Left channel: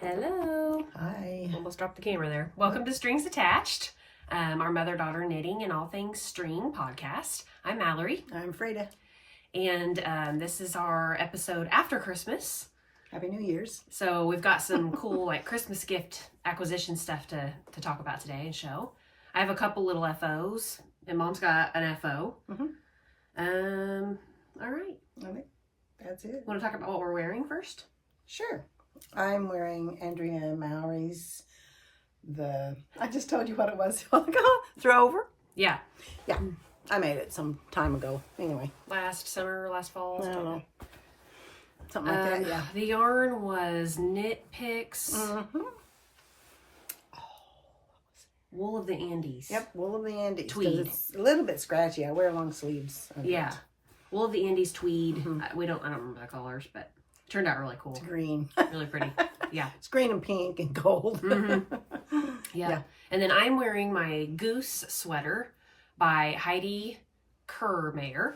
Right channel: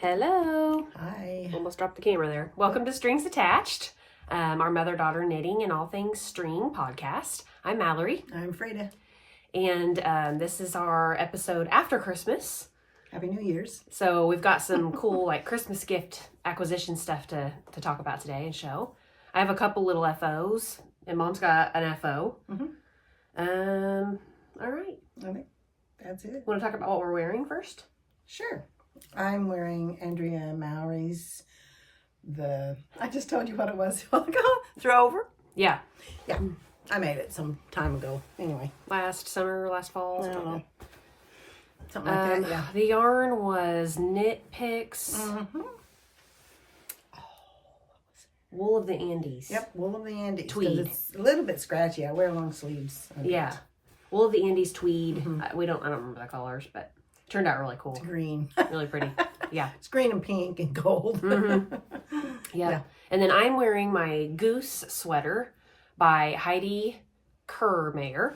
Hello. Hi. Almost dropped the camera there. Welcome to Strings Attached, our mother-daughter knitting and all things string podcast. I'm Mallory. I'm Freda. And this is our episode after Christmas. Happy New Year's. So we've got some cool like Christmas gift acquisition stuff to talk about today and show. I have a couple little FOs, and Mom's got an FO. All right. Okay. That's it. Want to talk about what we're wearing first? Sure. I'm wearing Andrea Mowry's, I just told you what it was a while ago. Throwover. Yeah. Yeah. I made it some time ago. Anyway. Last summer, last fall. I don't know. Something like that, yeah. The yarn was Knit Picks. Wool of the Andes. Yep, Wool of the Andes. Tweed. It's a little bit scratchy. I wear long sleeves. Yeah. Wool of the Andes Tweed. I don't remember the colors, but it turned out really cool. It's green. Really pretty. Yeah. It's green and pink and gold. Yeah. And then I'm wearing my Goose sweater by Heidi Kirrmaier.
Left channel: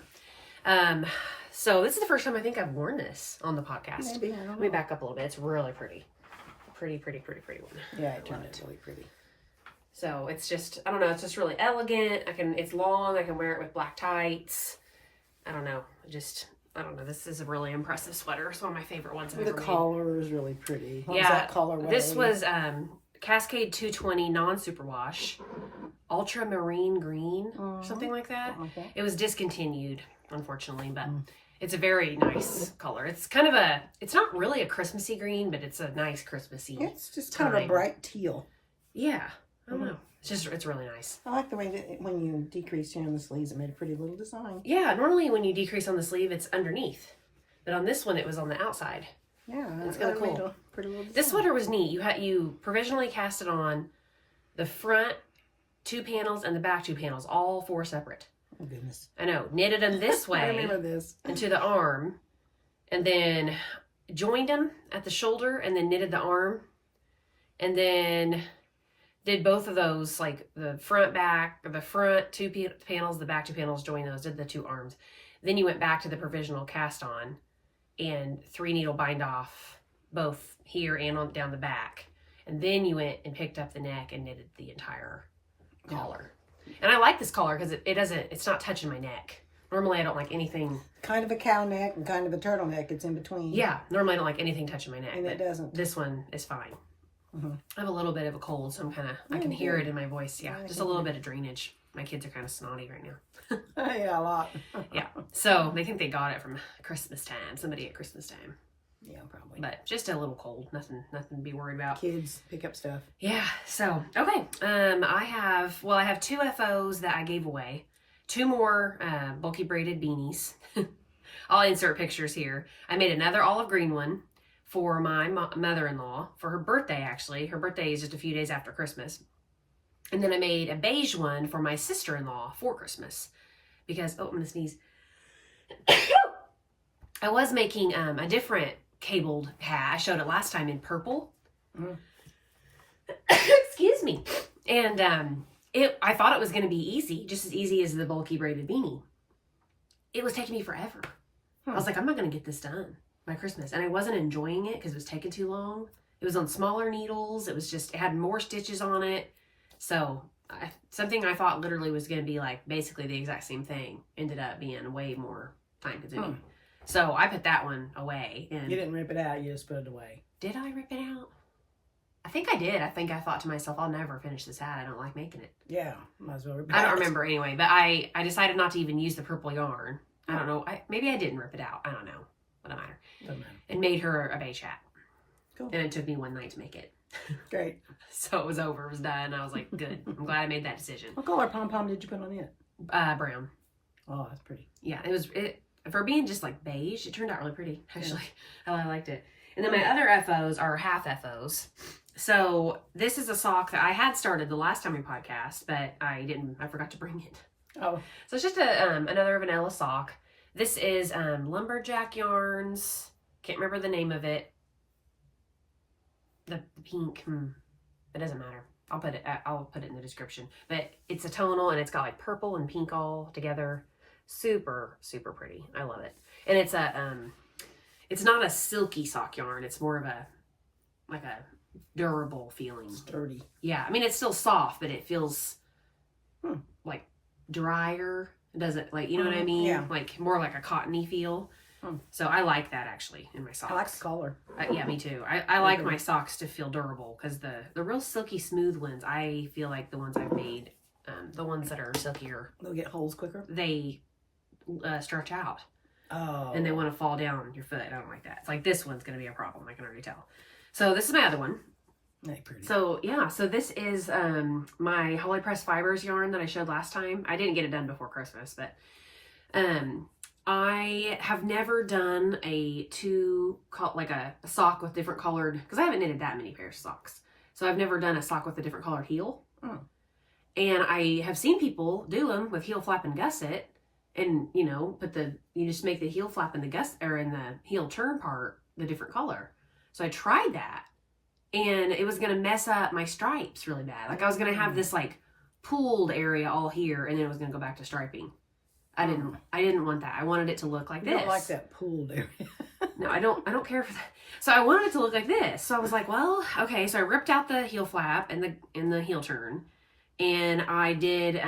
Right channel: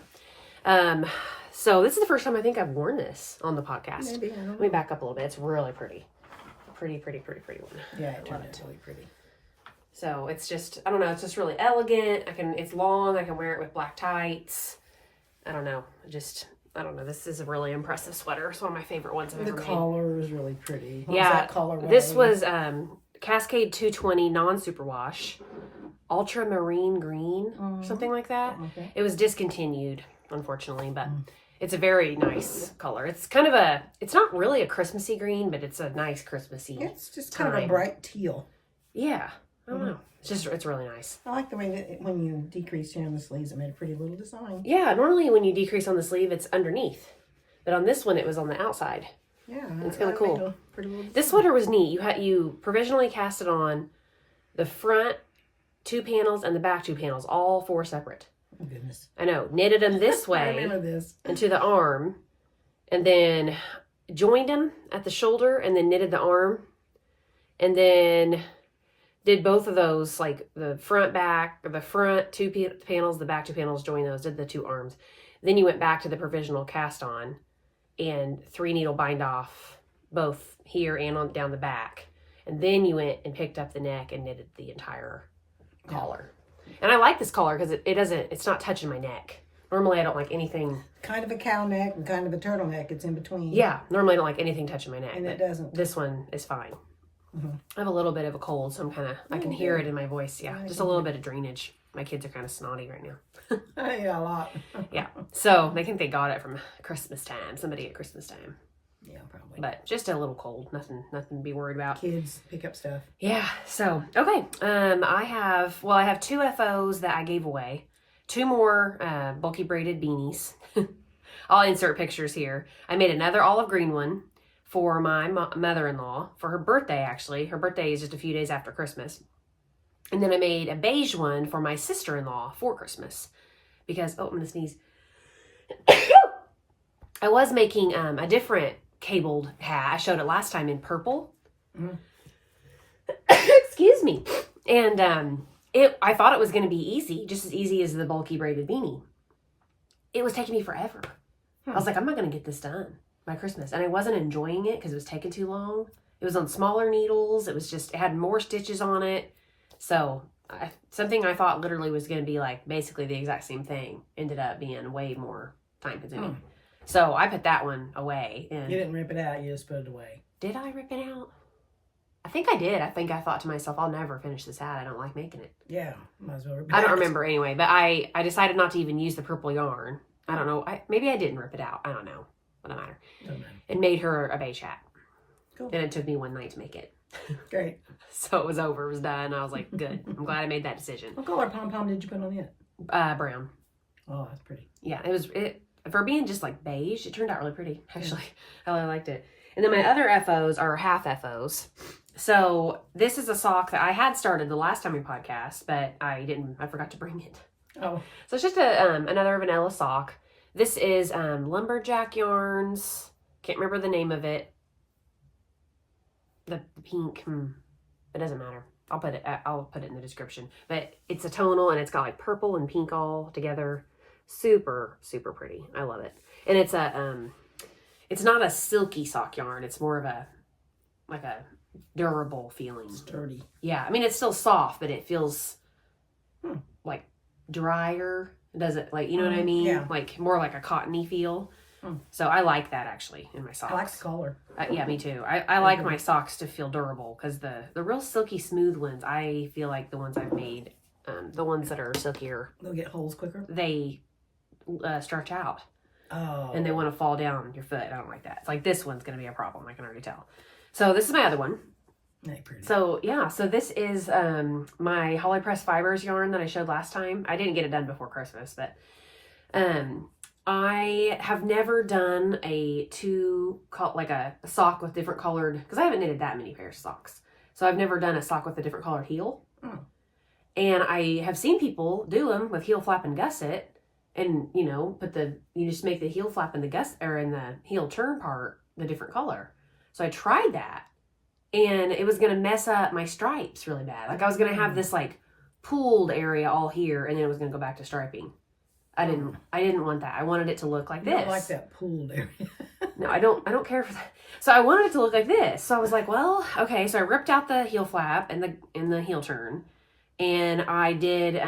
So this is the first time I think I've worn this on the podcast. Maybe, I don't know. Let me back up a little bit. It's really pretty. Pretty one. Yeah, it turned out really pretty. So it's just, I don't know, it's just really elegant. It's long. I can wear it with black tights. I don't know. This is a really impressive sweater. It's one of my favorite ones I've ever made. collar is really pretty. What yeah. was that color? This was Cascade 220 non-superwash. Ultramarine green, something like that. Okay. It was discontinued, unfortunately, but it's a very nice color. It's kind of it's not really a Christmassy green, but it's a nice Christmassy. It's just kind of a bright teal. Yeah. I don't know. It's really nice. I like the way that when you decreased on the sleeves, it made a pretty little design. Yeah, normally when you decrease on the sleeve, it's underneath. But on this one, it was on the outside. Yeah. It's really cool. Pretty little design. This sweater was neat. You provisionally cast it on the front 2 panels and the back 2 panels, all 4 separate. Oh, goodness. I know. Knitted them this way. I remember this. Into the arm. And then joined them at the shoulder and then knitted the arm. And then did both of those, like the front 2 panels, the back 2 panels, joined those, did the 2 arms. Then you went back to the provisional cast on and 3 needle bind off both here and on down the back. And then you went and picked up the neck and knitted the entire collar. And I like this collar because it's not touching my neck. Normally I don't like anything. Kind of a cow neck and kind of a turtleneck. It's in between. Yeah, normally I don't like anything touching my neck. And it doesn't. This one is fine. I have a little bit of a cold, so I can hear it in my voice. Yeah, just a little bit of drainage. My kids are kind of snotty right now. Yeah, a lot. Yeah, so they think they got it from Christmas time. Somebody at Christmas time. Yeah, probably. But just a little cold. Nothing to be worried about. Kids pick up stuff. I have 2 FOs that I gave away. 2 more bulky braided beanies. I'll insert pictures here. I made another olive green one for my mother-in-law for her birthday, actually. Her birthday is just a few days after Christmas. And then I made a beige one for my sister-in-law for Christmas. Because, I'm going to sneeze. I was making a different cabled hat. I showed it last time in purple. Excuse me. And I thought it was going to be easy, just as easy as the bulky braided beanie. It was taking me forever. I was like, I'm not going to get this done by Christmas. And I wasn't enjoying it because it was taking too long. It was on smaller needles. It had more stitches on it. So something I thought literally was going to be like basically the exact same thing ended up being way more time consuming. So I put that one away. And you didn't rip it out. You just put it away. Did I rip it out? I think I did. I thought to myself, I'll never finish this hat. I don't like making it. Yeah, might as well rip it I don't out. remember anyway, but I decided not to even use the purple yarn. I don't know. Maybe I didn't rip it out. I don't know. Doesn't matter. Doesn't matter. And made her a beige hat. Cool. And it took me one night to make it. Great. So it was over. It was done. I was like, good. I'm glad I made that decision. What color pom-pom did you put on it? Brown. Oh, that's pretty. Yeah, for being just like beige, it turned out really pretty, actually. I really liked it. And then my other FOs are half FOs. So this is a sock that I had started the last time we podcast, but I forgot to bring it. Oh. So it's just another vanilla sock. This is Lumberjack yarns. Can't remember the name of it. The pink. It doesn't matter. I'll put it in the description. But it's a tonal and it's got like purple and pink all together. Super, super pretty. I love it. And it's not a silky sock yarn. It's more of a like a durable feeling. Sturdy. Yeah, I mean, it's still soft, but it feels like drier. It doesn't, like, you know what I mean? Yeah. Like more like a cottony feel. So I like that actually in my socks. I like the color. Yeah, me too. I like my socks to feel durable because the real silky smooth ones, I feel like the ones I've made, the ones that are silkier, They'll get holes quicker. they stretch out. Oh. And they want to fall down your foot. I don't like that. It's like this one's going to be a problem. I can already tell. So this is my other one. Pretty. So yeah, so this is my Holly Press Fibers yarn that I showed last time. I didn't get it done before Christmas, but I have never done a sock with different colored, because I haven't knitted that many pairs of socks. So I've never done a sock with a different colored heel. And I have seen people do them with heel flap and gusset, and you know, you just make the heel flap and the gusset, or in the heel turn part, the different color. So I tried that, and it was going to mess up my stripes really bad. Like I was going to have this like pooled area all here, and then it was going to go back to striping. I didn't want that. I wanted it to look like this. I don't like that pooled area. No, I don't care for that. So I wanted it to look like this. So I was like, well, okay. So I ripped out the heel flap and the heel turn, and I did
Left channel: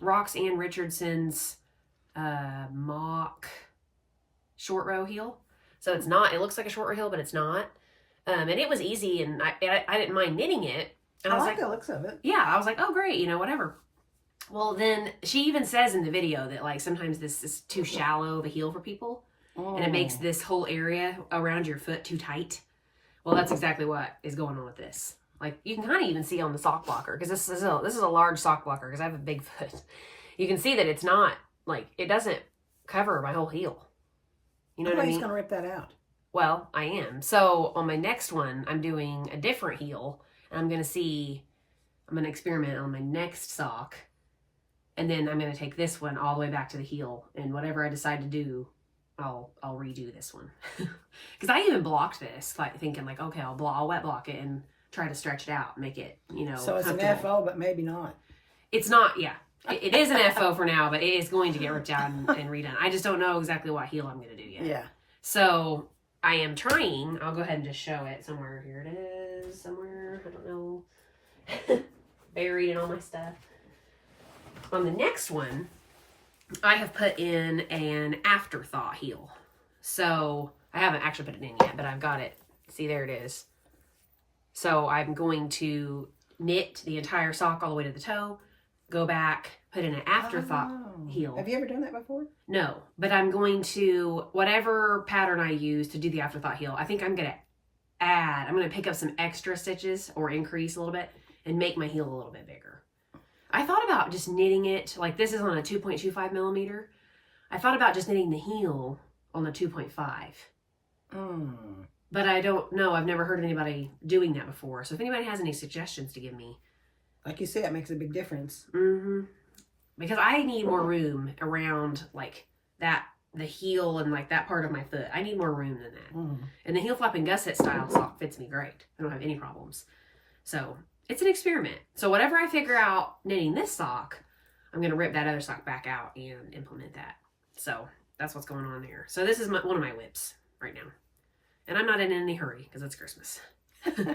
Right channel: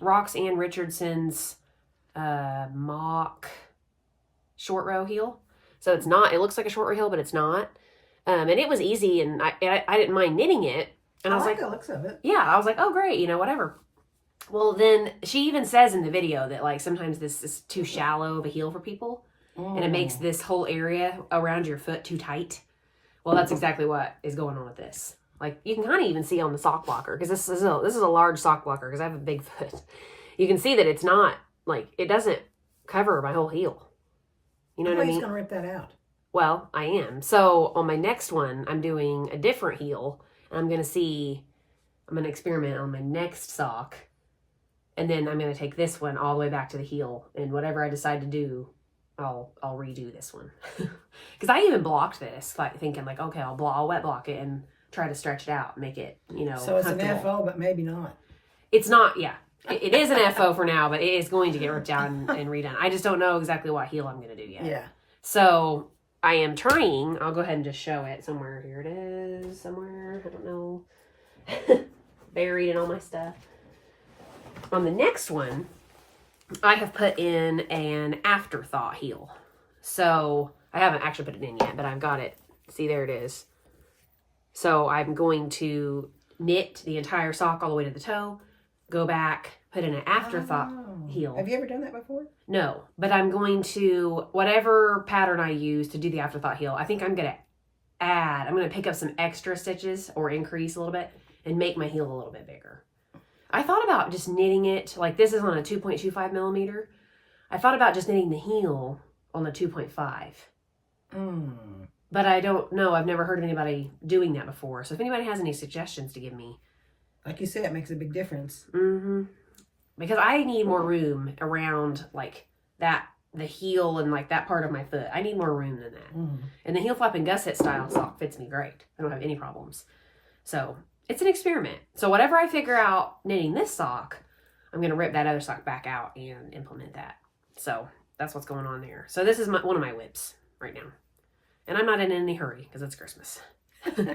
Roxanne Richardson's mock short row heel. So it's not. It looks like a short row heel, but it's not. And it was easy, and I didn't mind knitting it. And I was like the looks of it. Yeah, I was like, oh great, whatever. Well, then she even says in the video that like sometimes this is too shallow of a heel for people, and it makes this whole area around your foot too tight. Well, that's exactly what is going on with this. Like you can kind of even see on the sock blocker, because this is a large sock blocker because I have a big foot. You can see that it's not like, it doesn't cover my whole heel. You know what I mean? He's gonna rip that out. Well, I am. So on my next one, I'm doing a different heel, and I'm going to experiment on my next sock. And then I'm going to take this one all the way back to the heel, and whatever I decide to do, I'll redo this one. Because I even blocked this, like thinking like, okay, I'll wet block it and try to stretch it out, make it, So it's an FO, but maybe not. It's not, yeah. It is an FO for now, but it is going to get ripped out and redone. I just don't know exactly what heel I'm going to do yet. Yeah. So I am trying, I'll go ahead and just show it somewhere. Here it is, somewhere, I don't know. Buried in all my stuff. On the next one, I have put in an afterthought heel. So I haven't actually put it in yet, but I've got it. See, there it is. So I'm going to knit the entire sock all the way to the toe, go back, put in an afterthought heel. Have you ever done that before? No, but I'm going to, whatever pattern I use to do the afterthought heel, I think I'm going to pick up some extra stitches or increase a little bit and make my heel a little bit bigger. I thought about just knitting it, like this is on a 2.25 millimeter. I thought about just knitting the heel on the 2.5. But I don't know. I've never heard of anybody doing that before. So if anybody has any suggestions to give me. Like you said, it makes a big difference. Because I need more room around like that, the heel and like that part of my foot. I need more room than that. And the heel flap and gusset style sock fits me great. I don't have any problems. So it's an experiment. So whatever I figure out knitting this sock, I'm going to rip that other sock back out and implement that. So that's what's going on there. So this is one of my whips right now. And I'm not in any hurry because it's Christmas.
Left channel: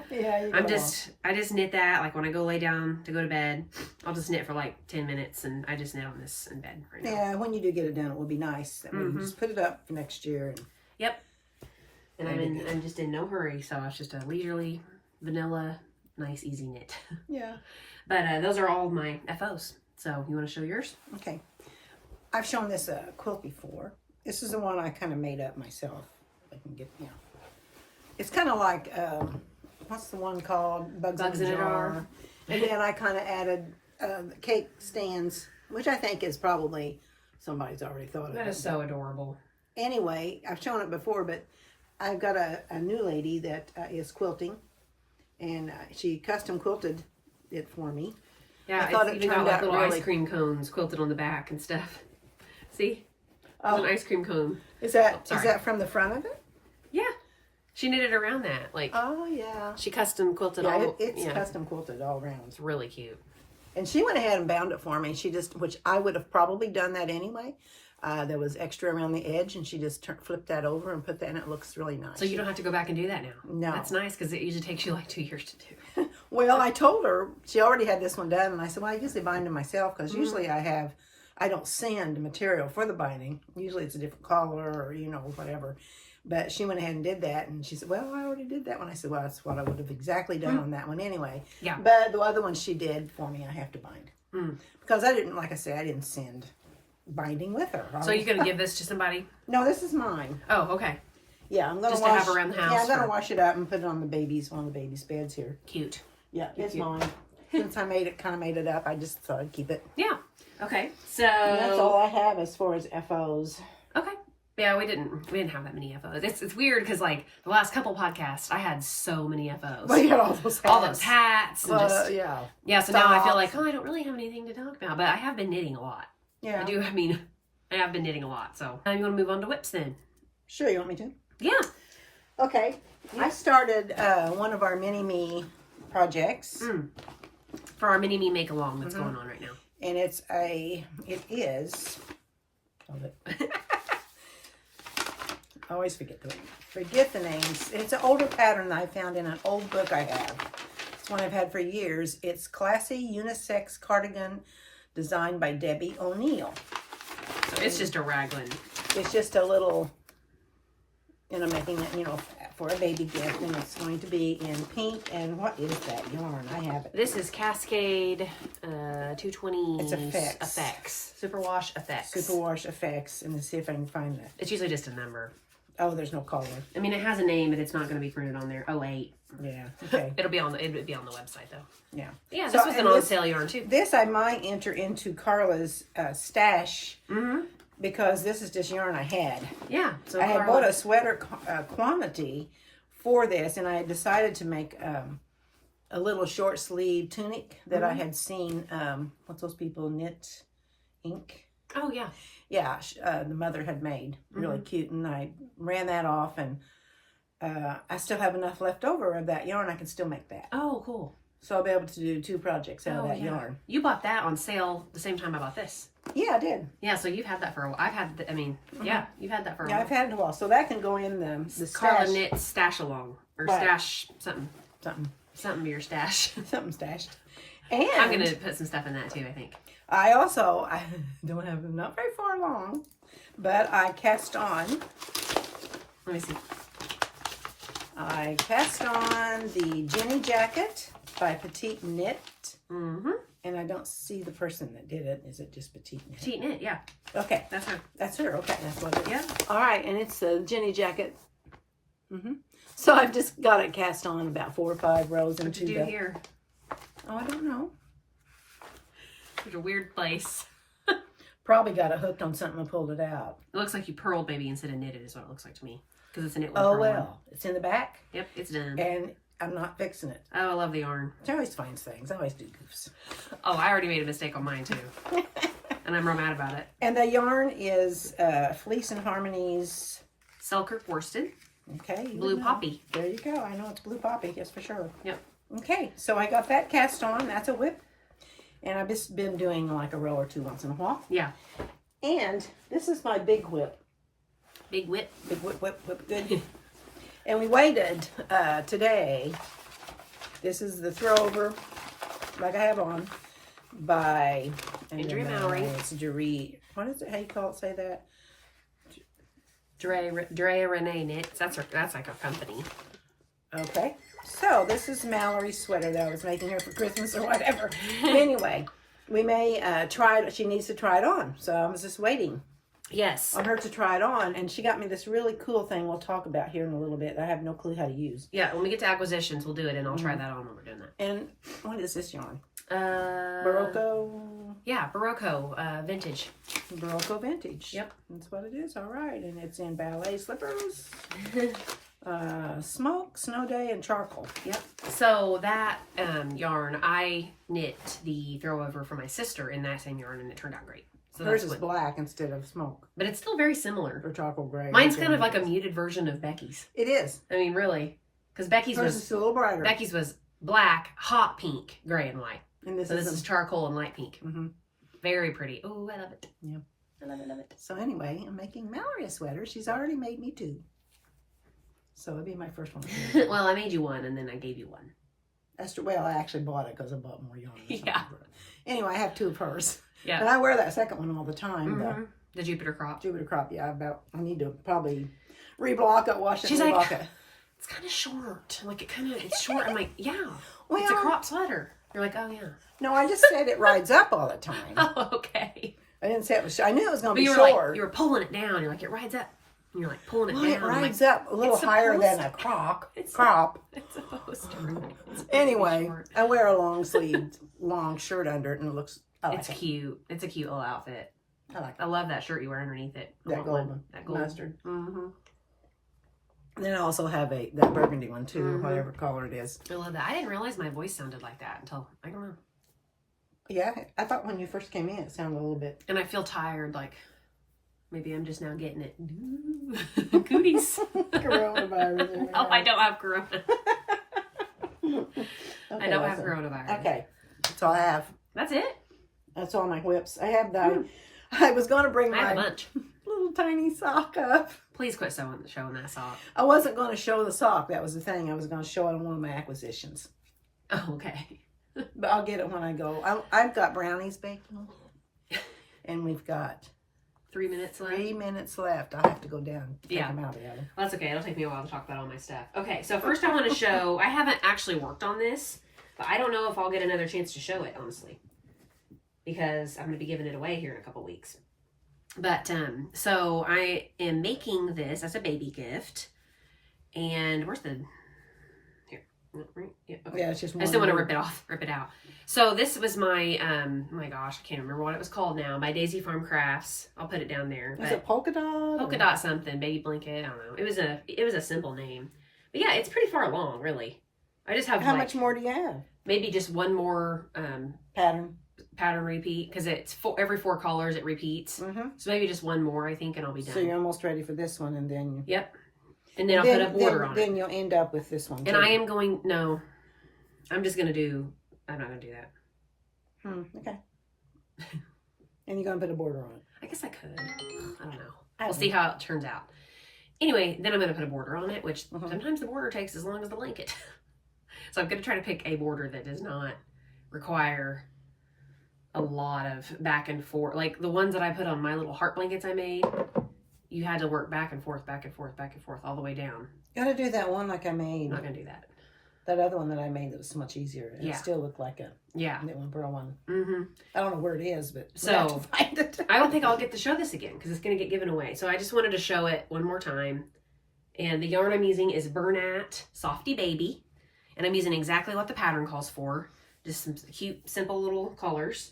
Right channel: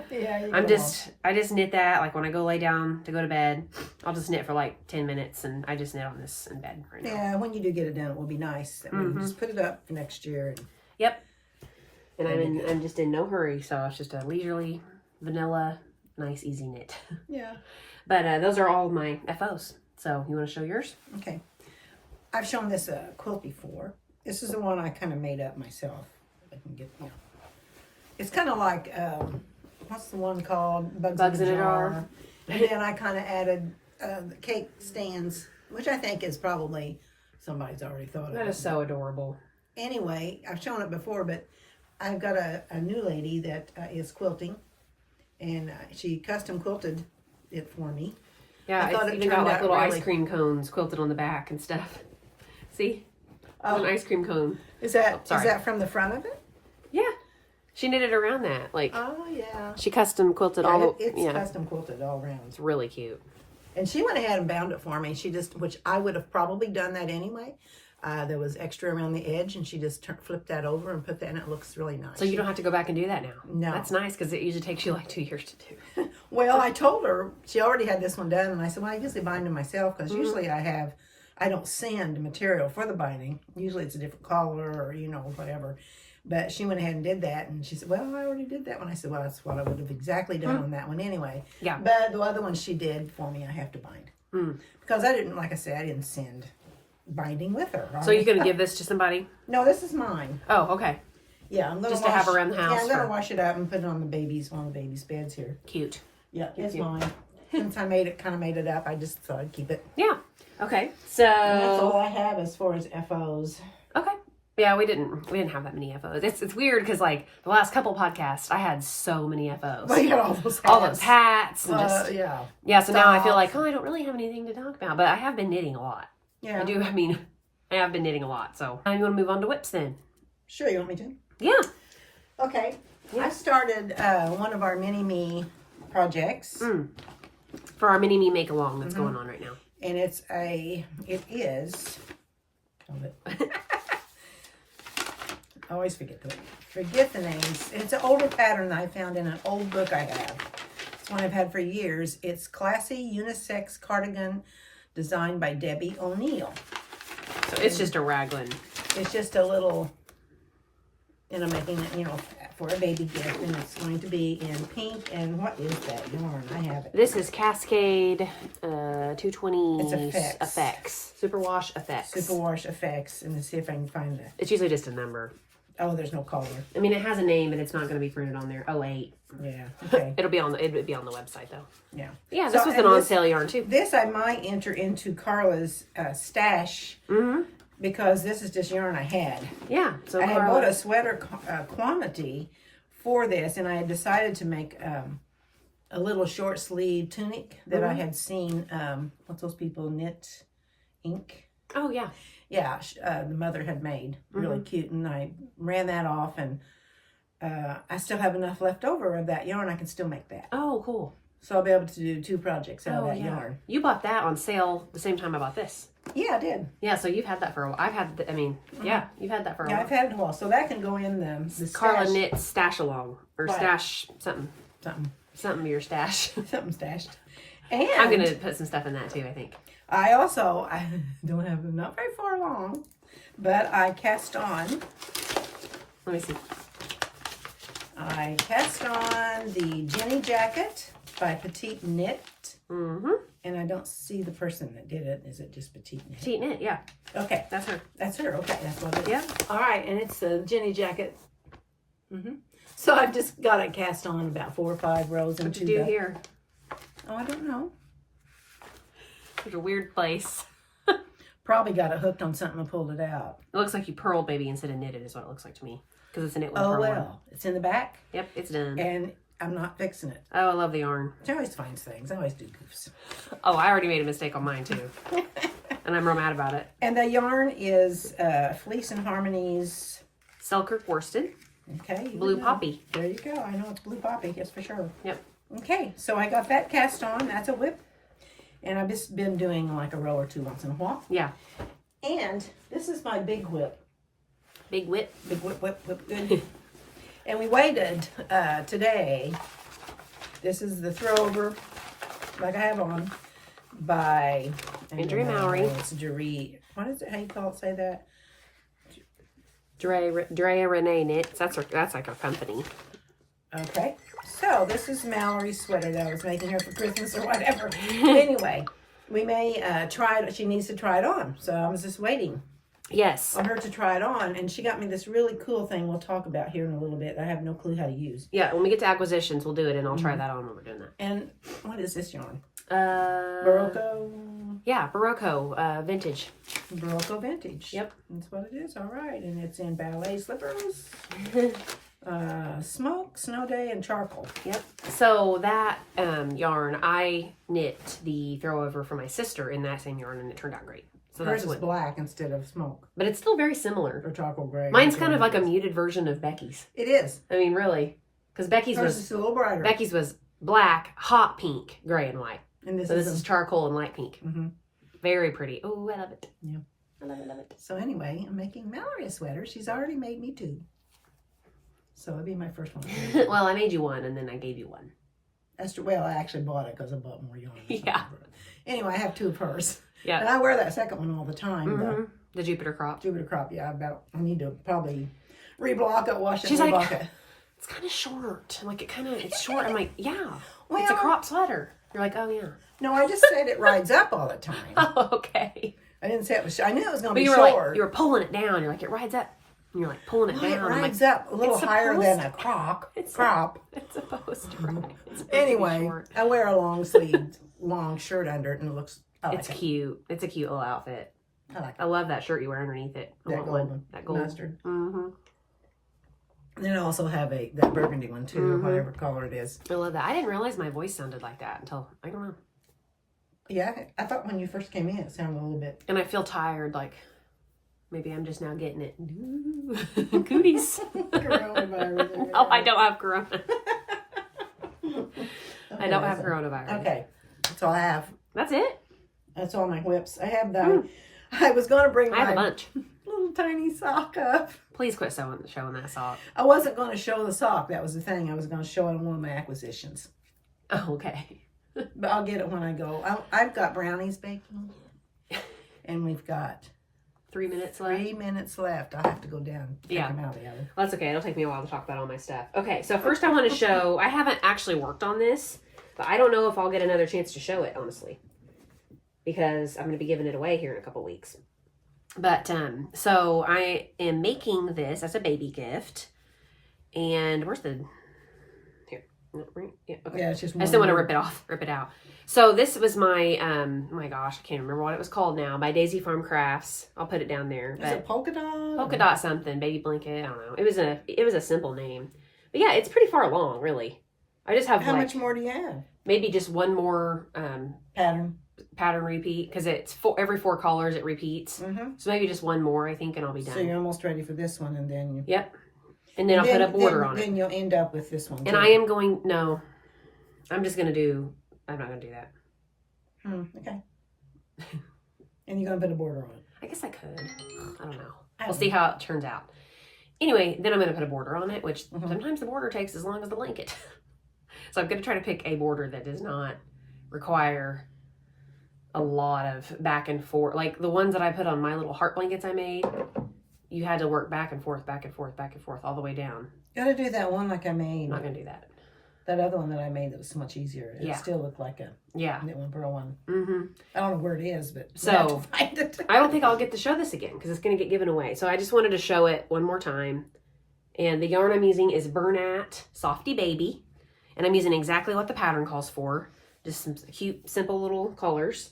Yeah, I just knit that like when I go lay down to go to bed. I'll just knit for like 10 minutes, and I just knit on this in bed right now. Yeah, when you do get it done, it will be nice. I mean, just put it up for next year. Yep. And I'm just in no hurry, so it's just a leisurely, vanilla, nice, easy knit. Yeah. But those are all my FOs. So you want to show yours? Okay. I've shown this quilt before. This is the one I kind of made up myself. I can get, It's kind of like, what's the one called? Bugs in a Jar. And then I kind of added cake stands, which I think is probably somebody's already thought of. That is so adorable. Anyway, I've shown it before, but I've got a new lady that is quilting, and she custom quilted it for me. Yeah, I thought it turned out like little ice cream cones quilted on the back and stuff. See? An ice cream cone. Is that from the front of it? Yeah. She knitted around that. Like, oh, yeah. She custom quilted all. It's custom quilted all around. It's really cute. And she went ahead and bound it for me. Which I would have probably done that anyway, There was extra around the edge, and she just flipped that over and put that in. It looks really nice. So you don't have to go back and do that now. No. That's nice because it usually takes you like 2 years to do. Well, I told her, she already had this one done, and I said, well, I usually bind them myself because usually I don't sand material for the binding. Usually it's a different color or, you know, whatever. But she went ahead and did that, and she said, well, I already did that one. I said, well, that's what I would have exactly done on that one anyway. Yeah. But the other one she did for me, I have to bind. Because I didn't, like I said, I didn't send binding with her. So you're going to give this to somebody? No, this is mine. Oh, okay. Yeah, I'm going to have around the house. Yeah, I'm going to wash it up and put it on one of the baby's beds here. Cute. Yeah, it's mine. Since I kind of made it up, I just thought I'd keep it. Yeah. Okay. So and that's all I have as far as FOs. Okay. Yeah, we didn't have that many FOs. It's weird because like the last couple podcasts, I had so many FOs. Well, yeah, all those hats. And just, yeah. So now I feel like, I don't really have anything to talk about, but I have been knitting a lot. Yeah, I have been knitting a lot. So I'm going to move on to whips then. Sure, you want me to? Yeah. Okay. Yeah. I started one of our mini-me projects. For our mini-me make-along that's going on right now. And it is, hold it. I always forget the names. It's an older pattern I found in an old book I have. It's one I've had for years. It's Classy Unisex Cardigan designed by Debbie O'Neill. So it's just a raglan. It's just a little, and I'm making it, you know, for a baby gift, and it's going to be in pink. And what is that yarn? I have it. This is Cascade 220. It's Effects. Superwash Effects. Superwash Effects. And let's see if I can find that. It's usually just a number. Oh, there's no color. I mean, it has a name, but it's not going to be printed on there. 08. Yeah. Okay. It'll be on the website though. Yeah. Yeah. This was an on sale yarn too. This I might enter into Carla's stash. Because this is just yarn I had. Yeah. So I had bought a sweater quantity for this, and I had decided to make a little short sleeve tunic that I had seen. What's those people, Knit Inc? Oh yeah. Yeah, the mother had made. Really cute, and I ran that off, and I still have enough left over of that yarn. I can still make that. Oh, cool. So I'll be able to do 2 projects out of that yarn. You bought that on sale the same time I bought this. Yeah, I did. Yeah, so you've had that for a while. I've had, yeah, you've had that for a while. Yeah, I've had it a while. So that can go in the Carla Knit Stash Along. Or what? Stash something. Something to your stash. Something stashed. And I'm going to put some stuff in that too, I think. I don't have them not very far along, but I cast on. Let me see. I cast on the Jenny jacket by Petite Knit. And I don't see the person that did it. Is it just Petite Knit? Petite Knit, yeah. Okay. That's her. That's her. Okay. That's what it is. Yeah. All right. And it's the Jenny jacket. So I've just got it cast on about 4 or 5 rows into What you do here? Oh, I don't know. It's a weird place. Probably got it hooked on something and pulled it out. It looks like you purled baby instead of knitted is what it looks like to me. Because it's a knit with Oh, purl well. on. It's in the back. Yep, it's done. And I'm not fixing it. Oh, I love the yarn. She always finds things. I always do goofs. Oh, I already made a mistake on mine too. And I'm real mad about it. And the yarn is Fleece and Harmonies. Selkirk worsted. Okay. Blue poppy. There you go. I know it's blue poppy. Yes, for sure. Yep. Okay. So I got that cast on. That's a whip. And I've just been doing like a row or 2 once in a while. Yeah. And this is my big whip. Big whip. Big whip, good. And we waited today. This is the Throwover, like I have on, by Andrea Mowry. It's Wryit. What is it? How you call it? Say that? Andrea Renee Knits. That's like a company. Okay. So this is Mallory's sweater that I was making her for Christmas or whatever. Anyway, we may try it. She needs to try it on. So I was just waiting. Yes. On her to try it on. And she got me this really cool thing we'll talk about here in a little bit. I have no clue how to use. Yeah, when we get to acquisitions, we'll do it, and I'll try that on when we're doing that. And what is this yarn? Berroco. Yeah, Berroco Vintage. Berroco Vintage. Yep. That's what it is. All right. And it's in ballet slippers. Smoke, snow day, and charcoal. Yep. So that yarn, I knit the Throwover for my sister in that same yarn, and it turned out great. So hers is black instead of smoke. But it's still very similar. Or charcoal gray. Mine's kind of like a muted version of Becky's. It is. I mean, really. Because Becky's hers is a little brighter. Becky's was black, hot pink, gray, and white. And this is charcoal and light pink. Very pretty. Oh, I love it. Yeah. I love it, love it. So anyway, I'm making Mallory a sweater. She's already made me 2. So it'll be my first one. Well, I made you one, and then I gave you one. That's true. Well, I actually bought it because I bought more yarn. Yeah. Anyway, I have 2 of hers. Yeah. And I wear that second one all the time. The Jupiter crop. Jupiter crop, yeah. I need to probably reblock it, wash it, She's reblock like, it. it's kind of short. Like, it's short. I'm like, yeah. Well, it's a crop sweater. You're like, oh, yeah. No, I just said it rides up all the time. Oh, okay. I didn't say it was. I knew it was going to be you were short. like, you were pulling it down. You're like, it rides up. And you're like pulling it down. It rides like, up a little higher than a crop. It's crop. It's supposed to. Anyway, I wear a long sleeve, long shirt under it, and it looks. It's cute. It's a cute little outfit. I like it. I love that shirt you wear underneath it. That golden. That gold. Mustard. Mm-hmm. Then I also have that burgundy one too, whatever color it is. I love that. I didn't realize my voice sounded like that until, I don't know. Yeah, I thought when you first came in it sounded a little bit. And I feel tired, like maybe I'm just now getting it. Cooties. Coronavirus. No, I don't have corona. Okay, I don't have coronavirus. Okay, that's all I have. That's it? That's all my whips. I have the. I was going to bring I have a my bunch. little tiny sock up. Please quit showing that sock. I wasn't going to show the sock. That was the thing. I was going to show it on one of my acquisitions. Oh, okay. But I'll get it when I go. I've got brownies baking. And we've got 3 minutes left. 3 minutes left. I'll have to go down and take them out of the oven. Well, that's okay. It'll take me a while to talk about all my stuff. Okay, so first I want to show, I haven't actually worked on this, but I don't know if I'll get another chance to show it, honestly. Because I'm going to be giving it away here in a couple weeks. But, so I am making this as a baby gift. And where's the... Yeah, okay. Yeah, it's just one. I still want to rip it out. So this was my, my gosh, I can't remember what it was called now, by Daisy Farm Crafts. I'll put it down there. Is it polka dot? Polka dot something, baby blanket, I don't know. It was a simple name. But yeah, it's pretty far along, really. I just have How much more do you have? Maybe just one more pattern repeat, because it's every 4 colors it repeats. So maybe just one more, I think, and I'll be done. So you're almost ready for this one, and then Yep. And then I'll put a border on it. Then you'll end up with this one too. And I am going, no, I'm not going to do that. Okay. And you're going to put a border on it. I guess I could. I don't know. We'll see how it turns out. Anyway, then I'm going to put a border on it, which sometimes the border takes as long as the blanket. So I'm going to try to pick a border that does not require a lot of back and forth. Like the ones that I put on my little heart blankets I made, you had to work back and forth, back and forth, back and forth, all the way down. You got to do that one like I made. I'm not going to do that. That other one that I made that was so much easier. It Yeah. still looked like a knit pearl one. I don't know where it is, but so we'll have to find it. I don't think I'll get to show this again because it's going to get given away. So I just wanted to show it one more time. And the yarn I'm using is Bernat Softy Baby. And I'm using exactly what the pattern calls for. Just some cute, simple little colors.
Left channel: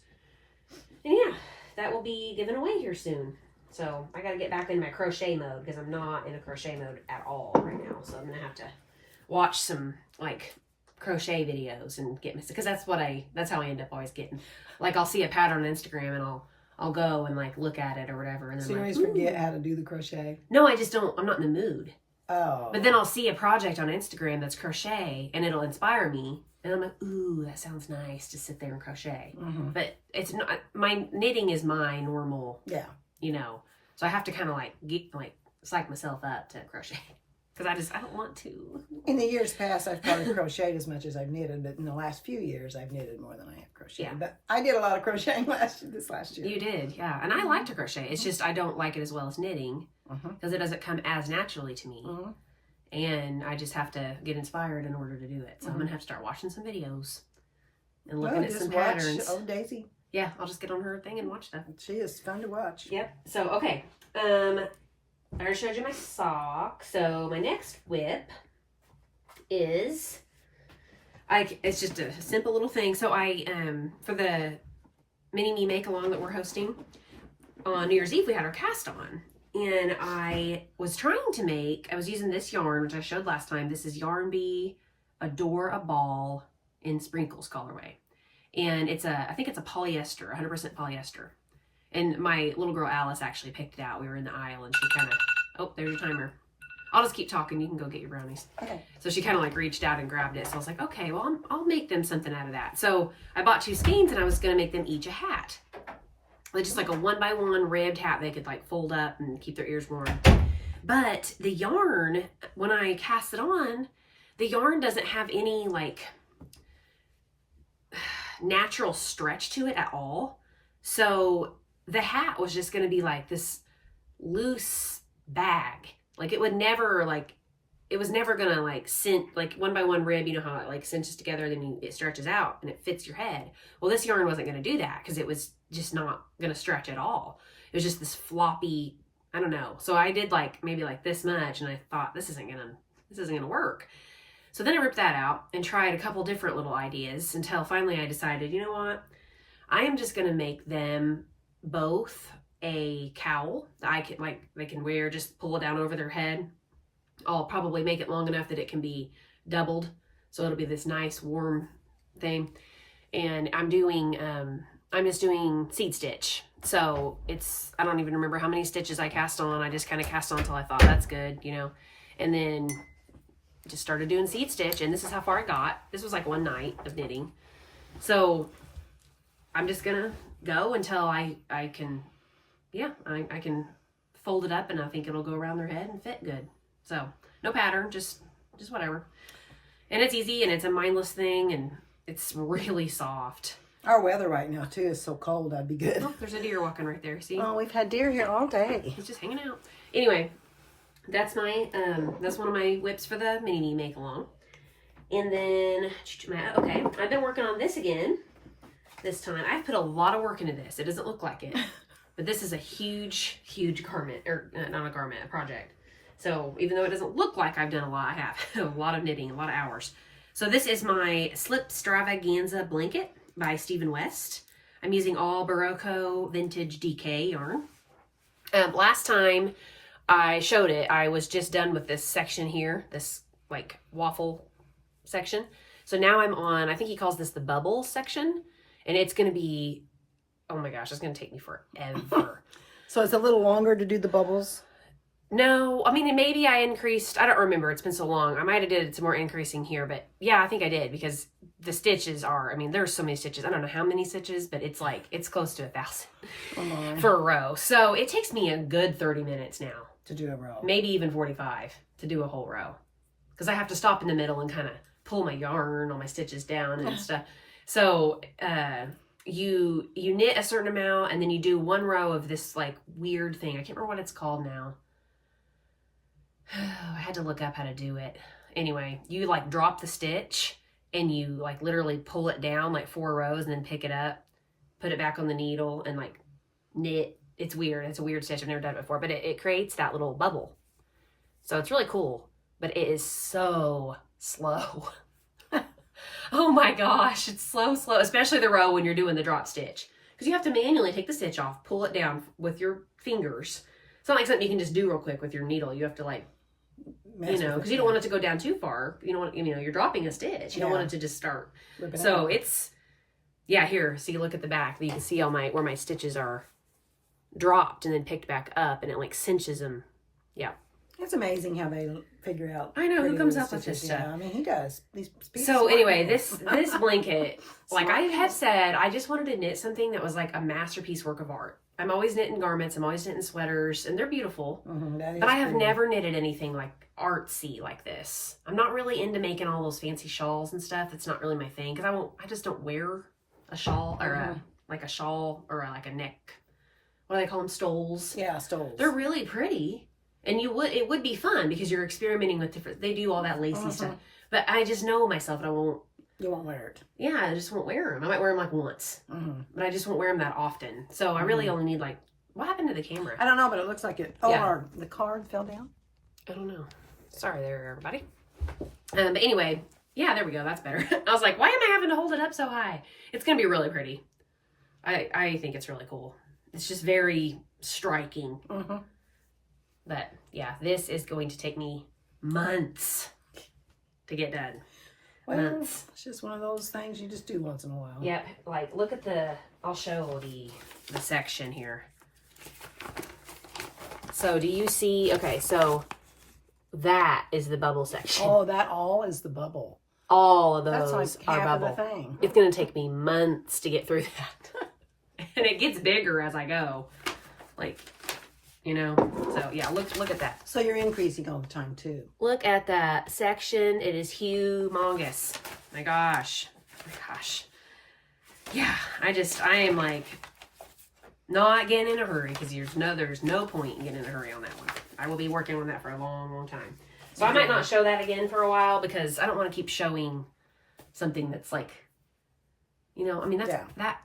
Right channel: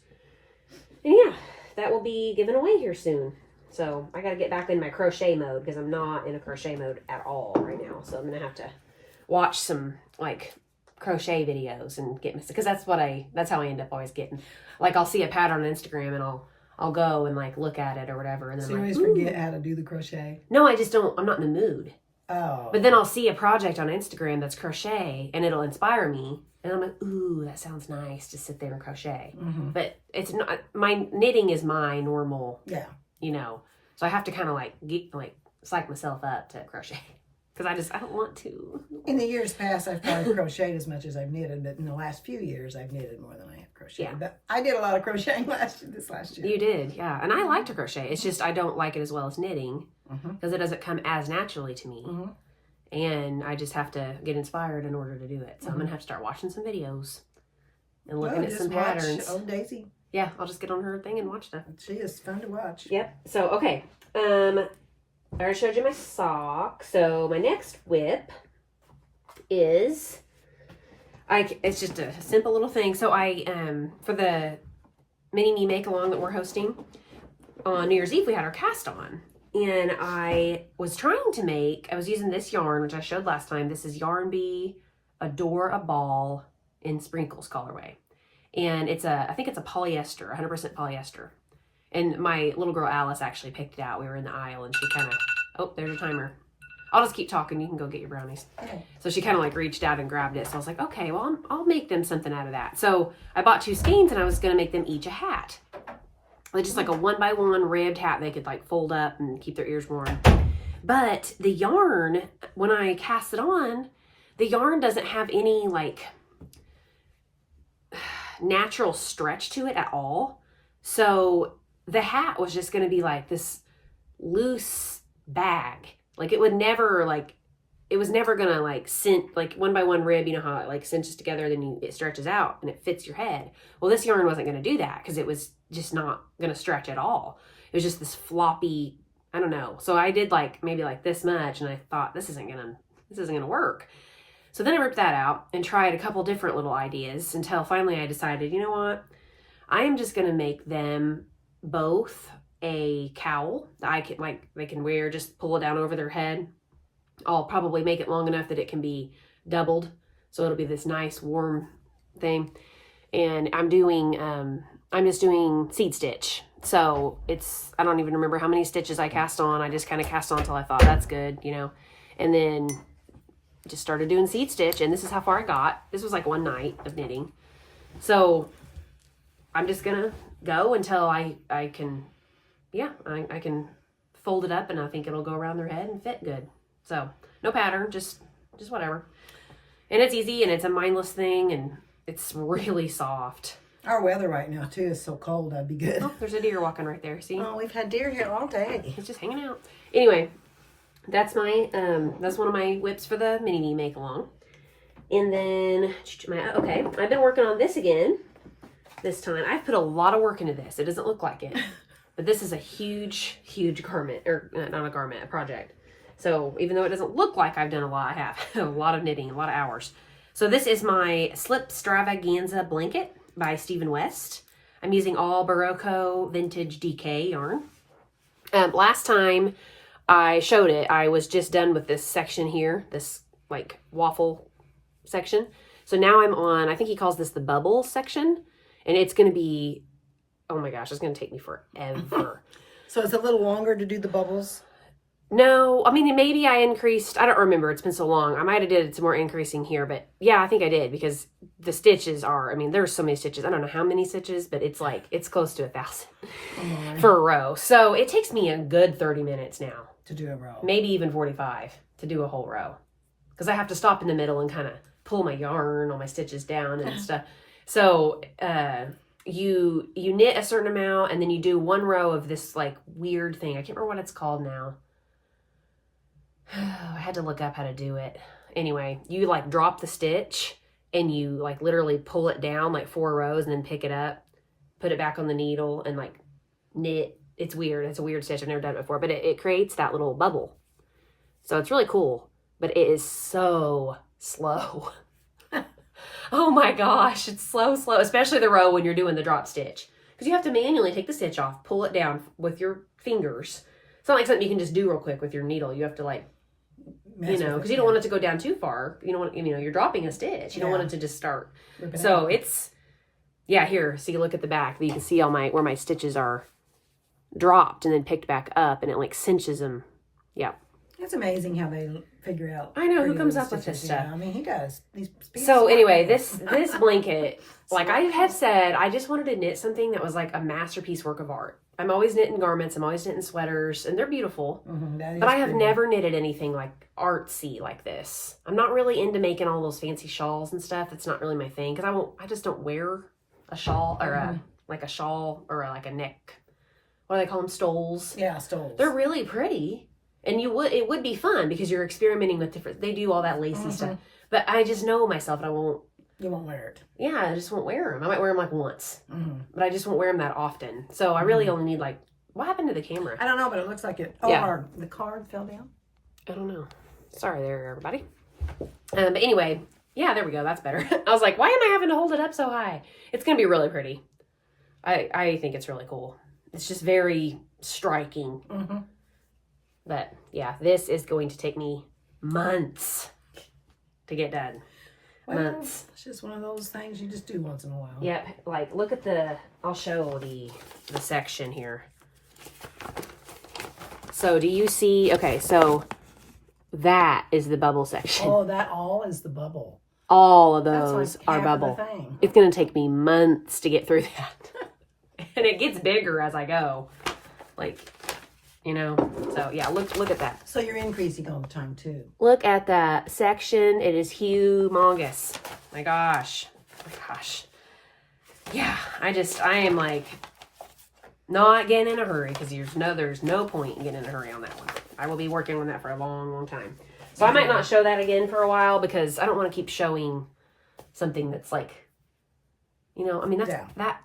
And yeah, that will be given away here soon. So I got to get back in my crochet mode because I'm not in a crochet mode at all right now. So I'm going to have to watch some like crochet videos and get because that's how I end up always getting. Like I'll see a pattern on Instagram and I'll go and like look at it or whatever. And then So you always forget how to do the crochet? No, I just don't. I'm not in the mood. Oh. But then I'll see a project on Instagram that's crochet and it'll inspire me. And I'm like, ooh, that sounds nice to sit there and crochet. But it's not, my knitting is my normal, you know. So I have to kind of psych myself up to crochet. Because I don't want to. In the years past, I've probably crocheted as much as I've knitted. But in the last few years, I've knitted more than I have crocheted. Yeah. But I did a lot of crocheting this last year. You did, yeah. And I like to crochet. It's just I don't like it as well as knitting. Because it doesn't come as naturally to me. And I just have to get inspired in order to do it. So I'm going to have to start watching some videos. And looking at some patterns. Oh, Daisy. Yeah, I'll just get on her thing and watch stuff. She is fun to watch. Yep. So, okay. I already showed you my sock. So, my next whip is... it's just a simple little thing. So, for the Minimemakealong that we're hosting, on New Year's Eve, we had our cast on. And I was trying to I was using this yarn, which I showed last time. This is Yarn Bee Adore a Ball in Sprinkles colorway. And I think it's a polyester, 100% polyester. And my little girl Alice actually picked it out. We were in the aisle and she kind of, oh, there's your timer. I'll just keep talking. You can go get your brownies. Okay. So she kind of like reached out and grabbed it. So I was like, okay, well, I'll make them something out of that. So I bought 2 skeins and I was going to make them each a hat. just like a 1x1 ribbed hat they could like fold up and keep their ears warm. But the yarn, when I cast it on, the yarn doesn't have any like natural stretch to it at all. So the hat was just going to be like this loose bag. Like it would never like, it was never going to like cinch, like 1x1 rib, you know how it like cinches together, then it stretches out and it fits your head. Well, this yarn wasn't going to do that because it was just not going to stretch at all. It was just this floppy, I don't know. So I did like maybe like this much and I thought this isn't going to work. So then I ripped that out and tried a couple different little ideas until finally I decided, you know what? I am just going to make them both a cowl that I can like, they can wear, just pull it down over their head. I'll probably make it long enough that it can be doubled. So it'll be this nice warm thing. And I'm just doing seed stitch. So I don't even remember how many stitches I cast on. I just kind of cast on until I thought that's good, you know, and then just started doing seed stitch. And this is how far I got. This was like one night of knitting. So I'm just going to go until I can, I can fold it up and I think it'll go around their head and fit good. So no pattern, just whatever. And it's easy and it's a mindless thing and it's really soft. Our weather right now too is so cold. That'd be good. Oh, there's a deer walking right there. See? Oh, we've had deer here all day. It's just hanging out. Anyway, that's my that's one of my whips for the mini make along. And then okay, I've been working on this again. This time I've put a lot of work into this. It doesn't look like it, but this is a huge garment, or not a garment, a project. So even though it doesn't look like I've done a lot, I have a lot of knitting, a lot of hours. So this is my Slipstravaganza blanket by Stephen West. I'm using all Berroco vintage DK yarn. Last time I showed it, I was just done with this section here, this like waffle section. So now I'm on, I think he calls this the bubble section, and it's going to be, oh my gosh, it's going to take me forever. So it's a little longer to do the bubbles? No, I mean, maybe I increased, I don't remember, it's been so long. I might have did some more increasing here, but yeah, I think I did, because the stitches are, I mean, there's so many stitches. I don't know how many stitches, but it's like, it's close to 1,000 for a row. So it takes me a good 30 minutes now. To do a row. Maybe even 45 to do a whole row. Because I have to stop in the middle and kind of pull my yarn, all my stitches down and stuff. So you knit a certain amount and then you do one row of this like weird thing. I can't remember what it's called now. I had to look up how to do it. Anyway, you like drop the stitch and you like literally pull it down like 4 rows and then pick it up, put it back on the needle and like knit. It's weird. It's a weird stitch. I've never done it before, but it creates that little bubble. So it's really cool, but it is so slow. Oh my gosh, it's slow, especially the row when you're doing the drop stitch. Because you have to manually take the stitch off, pull it down with your fingers. It's not like something you can just do real quick with your needle. You have to like, you know, because you don't want it to go down too far. You don't want, you know, you're dropping a stitch. You don't want it to just start. So it's, yeah, here, so you look at the back. You can see all where my stitches are dropped and then picked back up, and it like cinches them. Yeah. It's amazing how they figure out. I know, who comes up with this stuff. Yeah, I mean, he does. So anyway, this blanket, like I have said, I just wanted to knit something that was like a masterpiece work of art. I'm always knitting garments. I'm always knitting sweaters, and they're beautiful. But I have never knitted anything like artsy like this. I'm not really into making all those fancy shawls and stuff. It's not really my thing because I just don't wear a shawl or like a shawl or like a neck. What do they call them? Stoles. Yeah, stoles. They're really pretty. And it would be fun because you're experimenting with different, they do all that lacy stuff. But I just know myself and you won't wear it. Yeah, I just won't wear them. I might wear them like once. But I just won't wear them that often. So I really only need like, what happened to the camera? I don't know, but it looks like it. Oh, yeah. The card fell down? I don't know. Sorry there, everybody. But anyway, yeah, there we go. That's better. I was like, why am I having to hold it up so high? It's going to be really pretty. I think it's really cool. It's just very striking. But yeah, this is going to take me months to get done. Well, it's just one of those things you just do once in a while. Yeah, like look at I'll show the section here. So do you see, okay, so that is the bubble section. Oh, that all is the bubble. All of those That's like are half bubble. of the thing. It's going to take me months to get through that. And it gets bigger as I go. Like, you know, so yeah, look at that. So you're increasing all the time too. Look at that section. It is humongous. My gosh. Yeah, I am like not getting in a hurry because there's no point in getting in a hurry on that one. I will be working on that for a long, long time. So I might not show that again for a while because I don't want to keep showing something that's like, you know, I mean,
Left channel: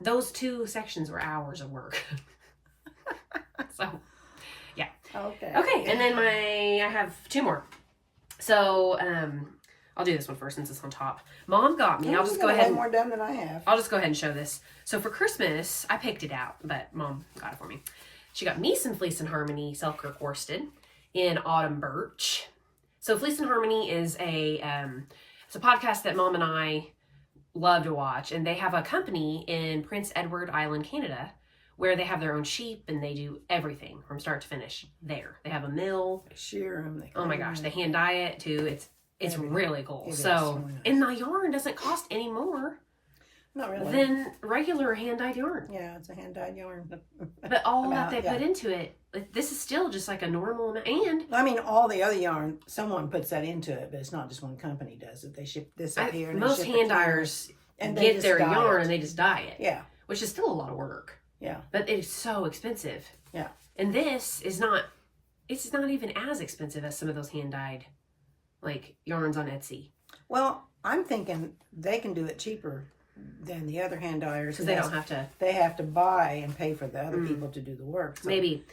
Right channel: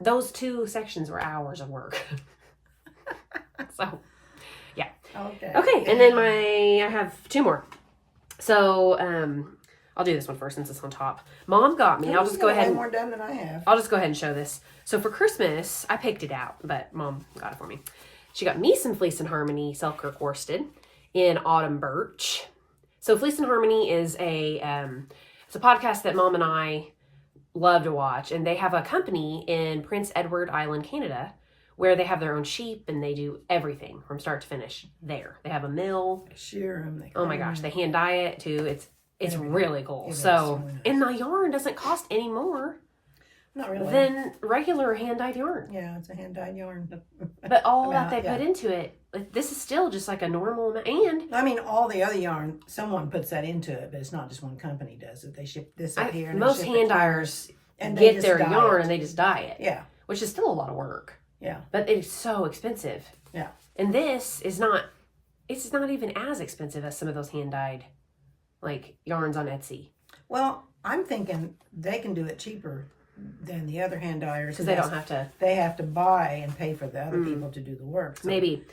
those 2 sections were hours of work. So, yeah. Okay, and then I have 2 more. So, I'll do this one first since it's on top. Mom got me. I'll just go ahead. More done than I have. I'll just go ahead and show this. So for Christmas, I picked it out, but Mom got it for me. She got me some Fleece and Harmony Selkirk worsted in autumn birch. So Fleece and Harmony is it's a podcast that Mom and I love to watch, and they have a company in Prince Edward Island, Canada, where they have their own sheep and they do everything from start to finish there. They have a mill. They shear them. Oh my gosh, they hand dye it too. It's really cool. So, and my yarn doesn't cost any more. Not really. Than regular hand-dyed yarn. Yeah, it's a hand-dyed yarn. But all that they put into it, this is still just like a normal amount. And I mean, all the other yarn, someone puts that into it, but it's not just one company does it. They ship this up here. And most hand dyers get their yarn and they just dye it. Yeah. Which is still a lot of work. Yeah. But it's so expensive. Yeah. And this is not, it's not even as expensive as some of those hand-dyed like yarns on Etsy. Well, I'm thinking they can do it cheaper than the other hand dyers because they don't have to. They have to buy and pay for the other people to do the work. So maybe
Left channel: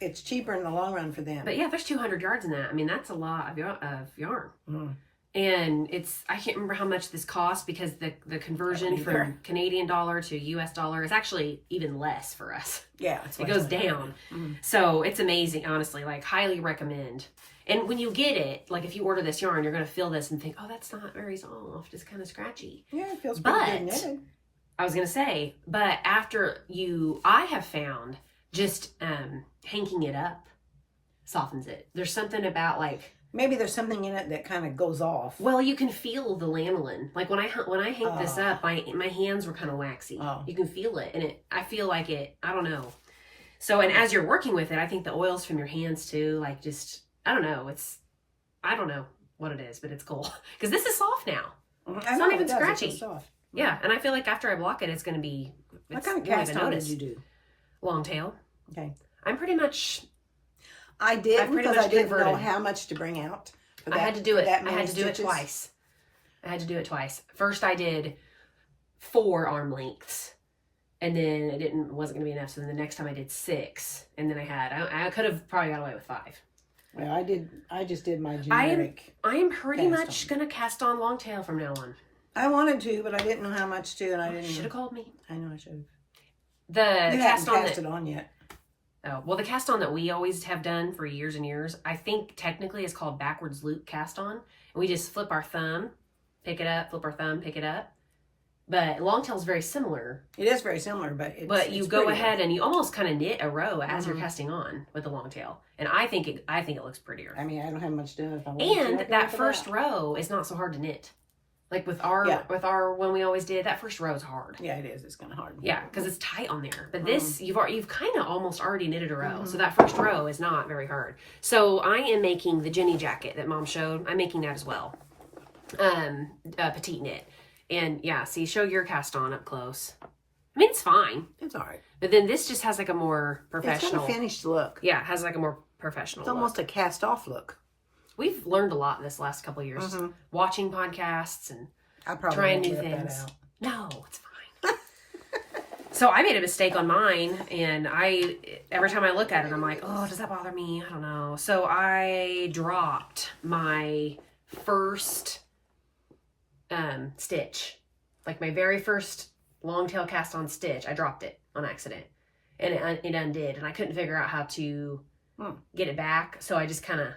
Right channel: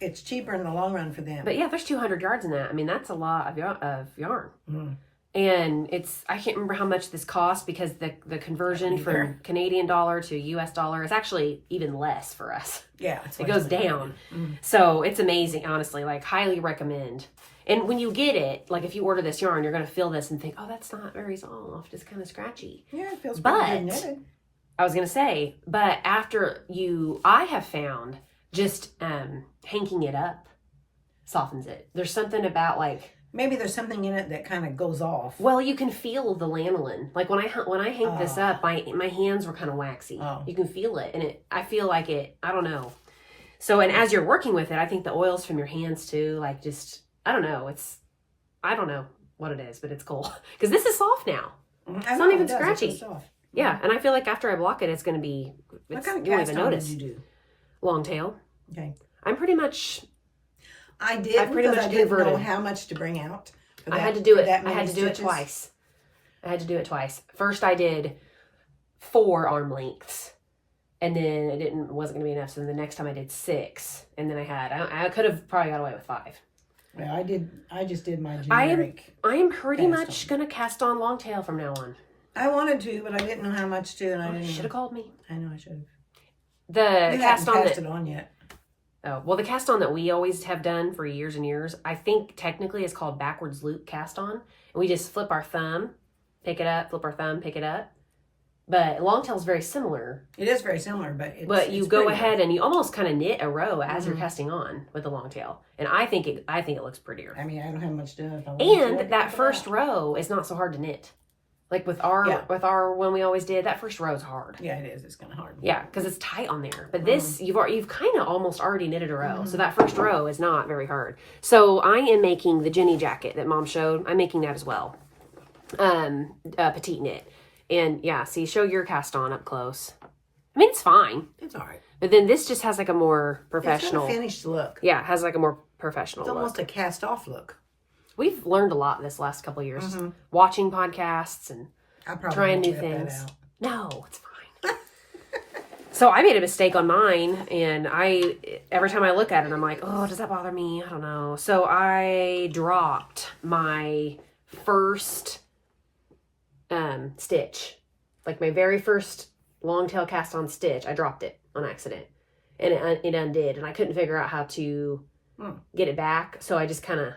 it's cheaper in the long run for them. But yeah, there's 200 yards in that. I mean, that's a lot of yarn. Mm. And I can't remember how much this costs because the conversion from Canadian dollar to US dollar is actually even less for us. Yeah, it goes down. Mm. So it's amazing, honestly. Like, highly recommend. And when you get it, like if you order this yarn, you're going to feel this and think, oh, that's not very soft. It's kind of scratchy. Yeah, it feels pretty good knitted. I was going to say, but I have found just hanking it up softens it. There's something about like. Maybe there's something in it that kind of goes off. Well, you can feel the lanolin. Like when I hang this up, my hands were kind of waxy. Oh. You can feel it, and I feel like it. I don't know. So, and as you're working with it, I think the oils from your hands too, like just I don't know. I don't know what it is, but it's cool because this is soft now. It's not even scratchy. It's soft. Yeah, and I feel like after I block it, it's going to be. What kind of cast on did you do? Long tail. Okay. I'm pretty much. I did because I didn't know how much to bring out. I had to do it. I had to do it twice. First, I did 4 arm lengths, and then it wasn't going to be enough. So then the next time I did 6, and then I could have probably got away with 5. Well, I just did my generic. I am pretty much going to cast on long tail from now on. I wanted to, but I didn't know how much to, and I didn't. Should have called me. I know I should have. You haven't cast it on yet. Oh, well, the cast on that we always have done for years and years, I think technically it's called backwards loop cast on. And we just flip our thumb, pick it up, flip our thumb, pick it up. But long tail is very similar. It is very similar, but you go ahead and you almost kind of knit a row as you're casting on with the long tail. And I think it looks prettier. I mean, I don't have much done. And that first row is not so hard to knit. Like with our one we always did, that first row is hard. Yeah, it is. It's kind of hard. Yeah, because it's tight on there. But this, you've kind of almost already knitted a row. So that first row is not very hard. So I am making the Jenny jacket that Mom showed. I'm making that as well. Petite knit. And yeah, see, show your cast on up close. I mean, it's fine. It's all right. But then this just has like a more professional. It's got a finished look. Yeah, it has like a more professional look. It's almost a cast off look. We've learned a lot this last couple of years. Watching podcasts and trying new things. No, it's fine. So I made a mistake on mine, and every time I look at it, I'm like, oh, does that bother me? I don't know. So I dropped my first stitch, like my very first long tail cast on stitch. I dropped it on accident, and it undid, and I couldn't figure out how to get it back. So I just kind of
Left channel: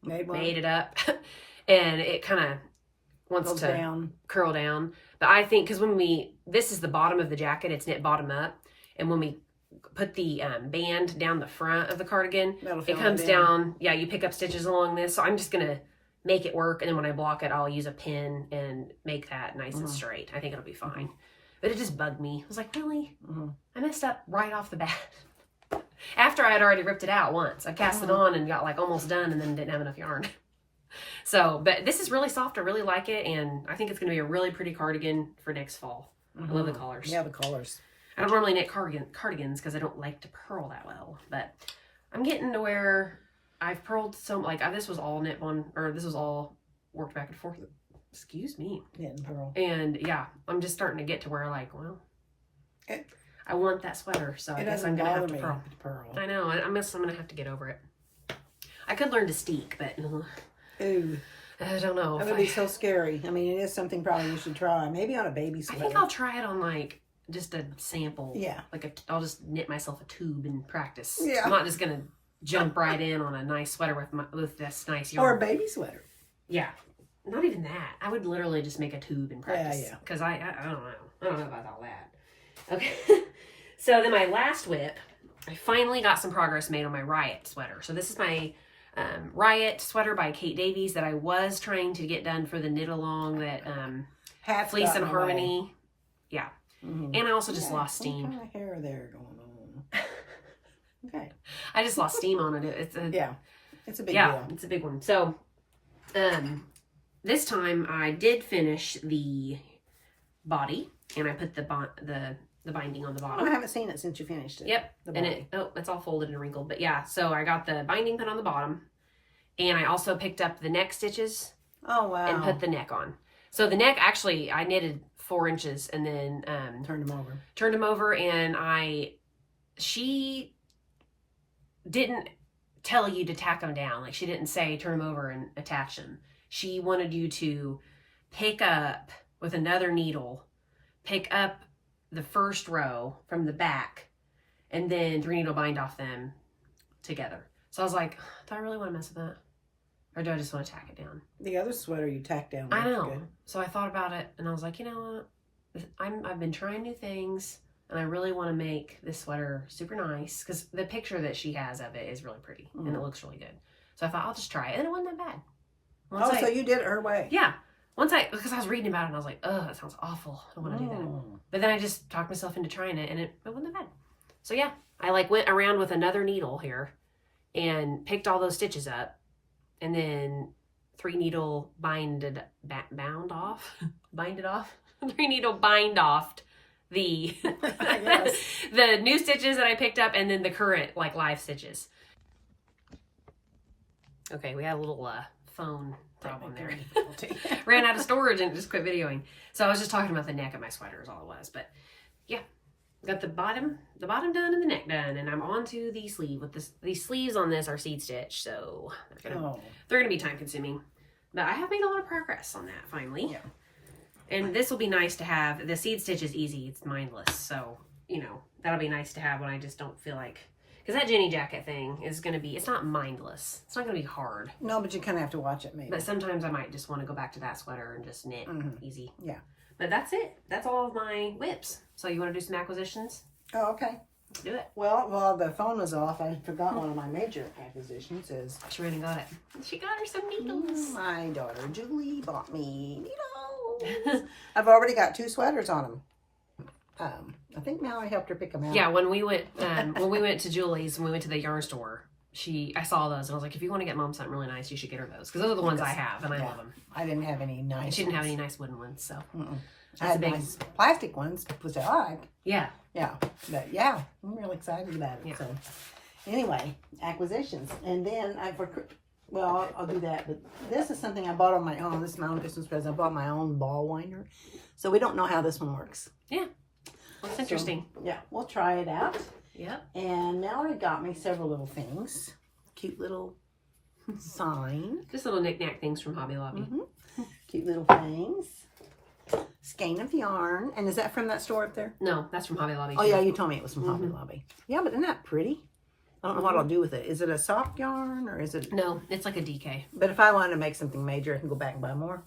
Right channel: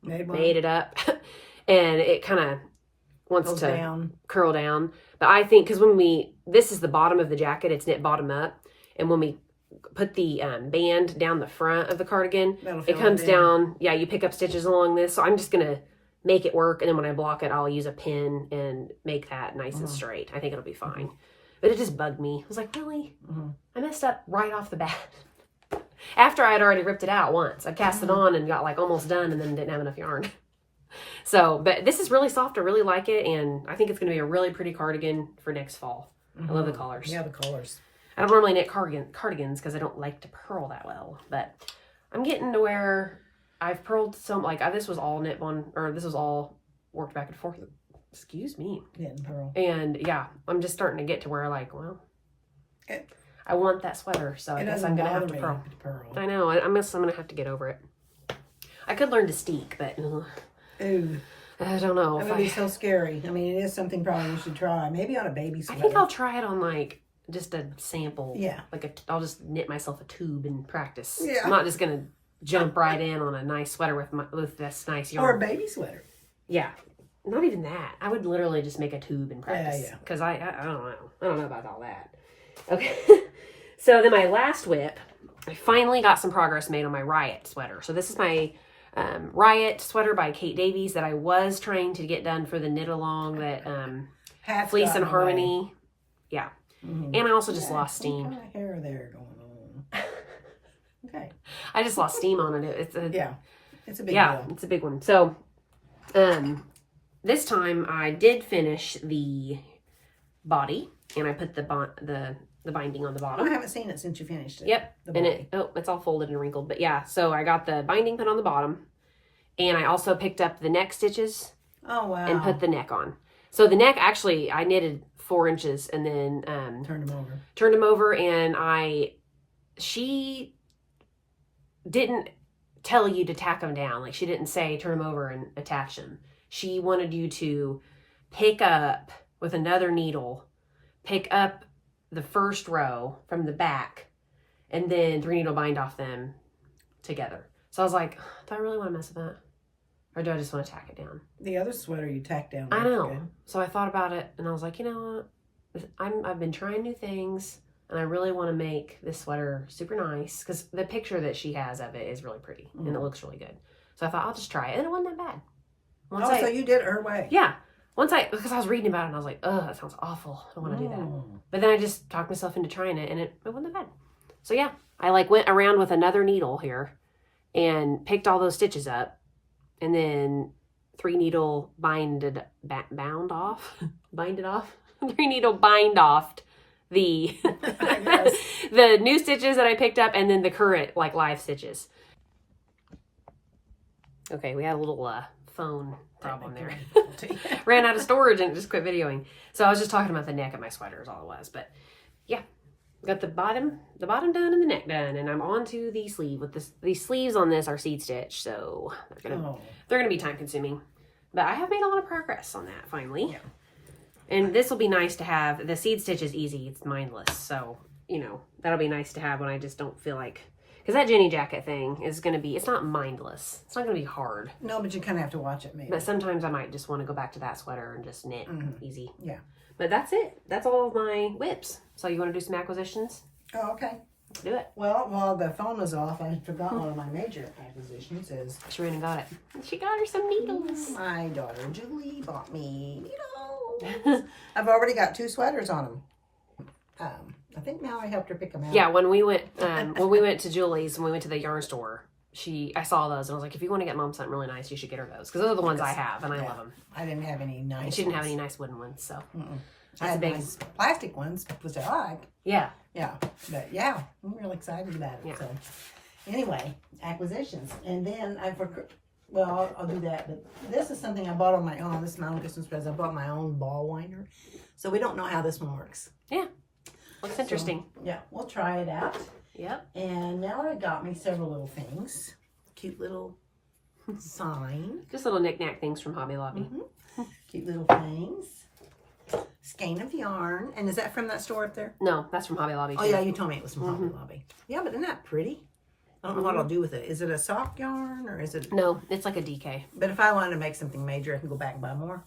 made it up, and it kind of wants to curl down. But I think because this is the bottom of the jacket, it's knit bottom up, and when we put the band down the front of the cardigan, it comes down. Yeah, you pick up stitches along this. So I'm just gonna make it work, and then when I block it, I'll use a pin and make that nice and straight. I think it'll be fine. But it just bugged me. I was like, really? I messed up right off the bat. After I had already ripped it out once. I cast it on and got like almost done and then didn't have enough yarn. So, but this is really soft. I really like it. And I think it's going to be a really pretty cardigan for next fall. I love the colors. Yeah, the colors. I don't normally knit cardigans because I don't like to purl that well. But I'm getting to where I've purled some, like this was all knit one, or this was all worked back and forth. Excuse me. Knit and purl. And yeah, I'm just starting to get to where like, well, I want that sweater, so I guess I'm gonna have to purl. I know. I'm gonna have to get over it. I could learn to steek, but ooh, I don't know. That would be so scary. I mean, it is something probably you should try. Maybe on a baby sweater. I think I'll try it on like just a sample. Yeah. Like I'll just knit myself a tube and practice. Yeah. I'm not just gonna jump right in on a nice sweater with this nice yarn. Or a baby sweater. Yeah. Not even that. I would literally just make a tube and practice. Yeah. Because I don't know. I don't know about all that. Okay. So then my last whip, I finally got some progress made on my Wryit sweater. So this is my Wryit sweater by Kate Davies that I was trying to get done for the knit along that Fleece and Harmony. Away. Yeah. And I also just lost steam. What kind of hair there going on? Okay. I just lost steam on it. It's a it's a big deal. It's a big one. So this time I did finish the body and I put the binding on the bottom. I haven't seen it since you finished it. Yep. And it's all folded and wrinkled. But yeah, so I got the binding put on the bottom. And I also picked up the neck stitches. Oh, wow. And put the neck on. So the neck, actually, I knitted 4 inches and then... turned them over. Turned them over and she didn't tell you to tack them down. Like, she didn't say turn them over and attach them. She wanted you to pick up with another needle, pick up the first row from the back, and then 3 needle bind off them together. So I was like, do I really want to mess with that? Or do I just want to tack it down? The other sweater you tacked down. I know. Good. So I thought about it, and I was like, you know what? I've been trying new things, and I really want to make this sweater super nice, because the picture that she has of it is really pretty, and it looks really good. So I thought, I'll just try it, and it wasn't that bad. So you did it her way. Yeah. Because I was reading about it and I was like, oh, that sounds awful. I don't want to do that. But then I just talked myself into trying it and it wasn't that bad. So yeah, I like went around with another needle here and picked all those stitches up and then 3 needle binded off 3 needle bind off the the new stitches that I picked up and then the current like live stitches. Okay, we had a little phone problem there. Ran out of storage and just quit videoing. So I was just talking about the neck of my sweater is all it was. But yeah, got the bottom done and the neck done, and I'm on to the sleeve. With these sleeves on this are seed stitch, so they're gonna be time consuming. But I have made a lot of progress on that finally. Yeah. And this will be nice to have. The seed stitch is easy, it's mindless. So, you know, that'll be nice to have when I just don't feel like, because that Jenny jacket thing is going to be, it's not mindless. It's not going to be hard. No, but you kind of have to watch it maybe. But sometimes I might just want to go back to that sweater and just knit easy. Yeah. But that's it. That's all of my whips. So you want to do some acquisitions? Oh, okay. Let's do it. Well, while the phone was off, I forgot one of my major acquisitions is... She went and got it. She got her some needles. My daughter, Julie, bought me needles. I've already got 2 sweaters on them. I think now I helped her pick them out. Yeah, when we went to Julie's and we went to the yarn store, I saw those and I was like, if you want to get mom something really nice, you should get her those because those are the ones I have and I love them. I didn't have any nice. And she didn't have any nice wooden ones, so I had nice plastic ones, which I like. Yeah, but yeah, I'm really excited about it. Yeah. So anyway, acquisitions, and then I'll do that. But this is something I bought on my own. This is my own Christmas present. I bought my own ball winder, so we don't know how this one works. Yeah. Looks interesting. Yeah, we'll try it out. Yep. And Mallory got me several little things. Cute little sign. Just little knick-knack things from Hobby Lobby. Cute little things. Skein of yarn. And is that from that store up there? No, that's from Hobby Lobby. Oh, yeah, you told me it was from Hobby Lobby. Yeah, but isn't that pretty? I don't know what I'll do with it. Is it a soft yarn or is it... No, it's like a DK. But if I wanted to make something major, I can go back and buy more.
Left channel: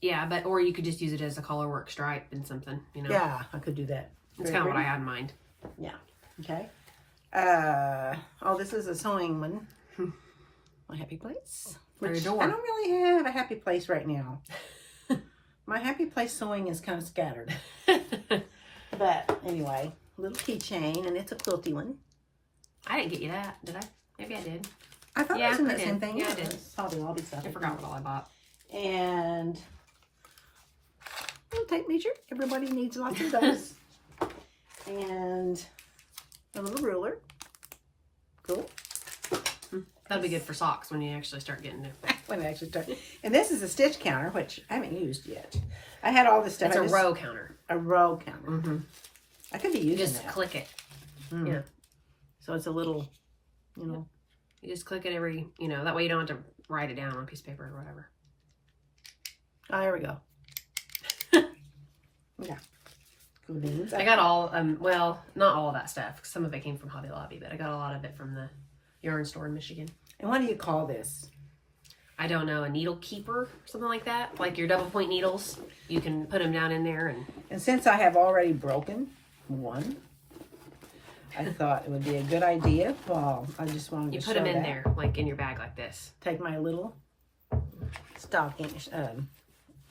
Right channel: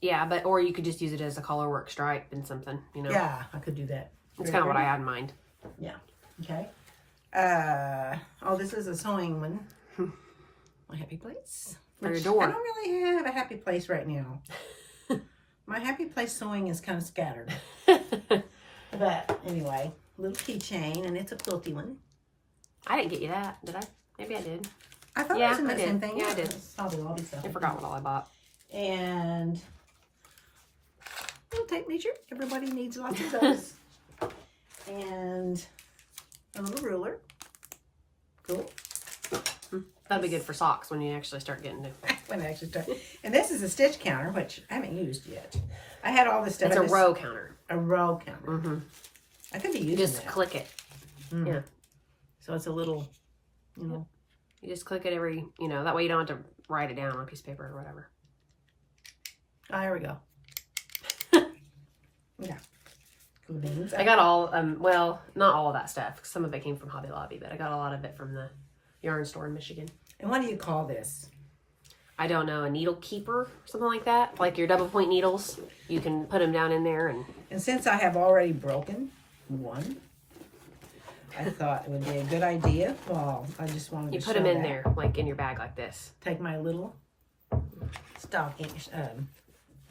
Yeah, or you could just use it as a color work stripe and something, you know? Yeah, I could do that. That's kind of what I had in mind. Yeah. Okay. This is a sewing one. My happy place. For your door. I don't really have a happy place right now. My happy place sewing is kind of scattered. But anyway, little keychain, and it's a quilty one. I didn't get you that, did I? Maybe I did. I thought it was in that I same did. thing. Yeah, I did. Hobby Lobby stuff. I forgot what all I bought. And little tape measure. Everybody needs lots of those. And a little ruler. Cool. That'd be good for socks when you actually start getting to. When I actually start. And this is a stitch counter, which I haven't used yet. I had all this stuff. It's a row counter. A row counter. Mm-hmm. I could be using You just that. click it. Mm. Yeah. So it's a little, you know. You just click it every, that way you don't have to write it down on a piece of paper or whatever. Oh, here we go. Yeah. Cool beans. I got all, well, not all of that stuff. Some of it came from Hobby Lobby, but I got a lot of it from the yarn store in Michigan. And what do you call this? I don't know, a needle keeper, something like that. Like your double point needles, you can put them down in there. And since I have already broken one, I thought it would be a good idea. Well, I just wanted to you show put them in that. there, like in your bag like this. Take my little stocking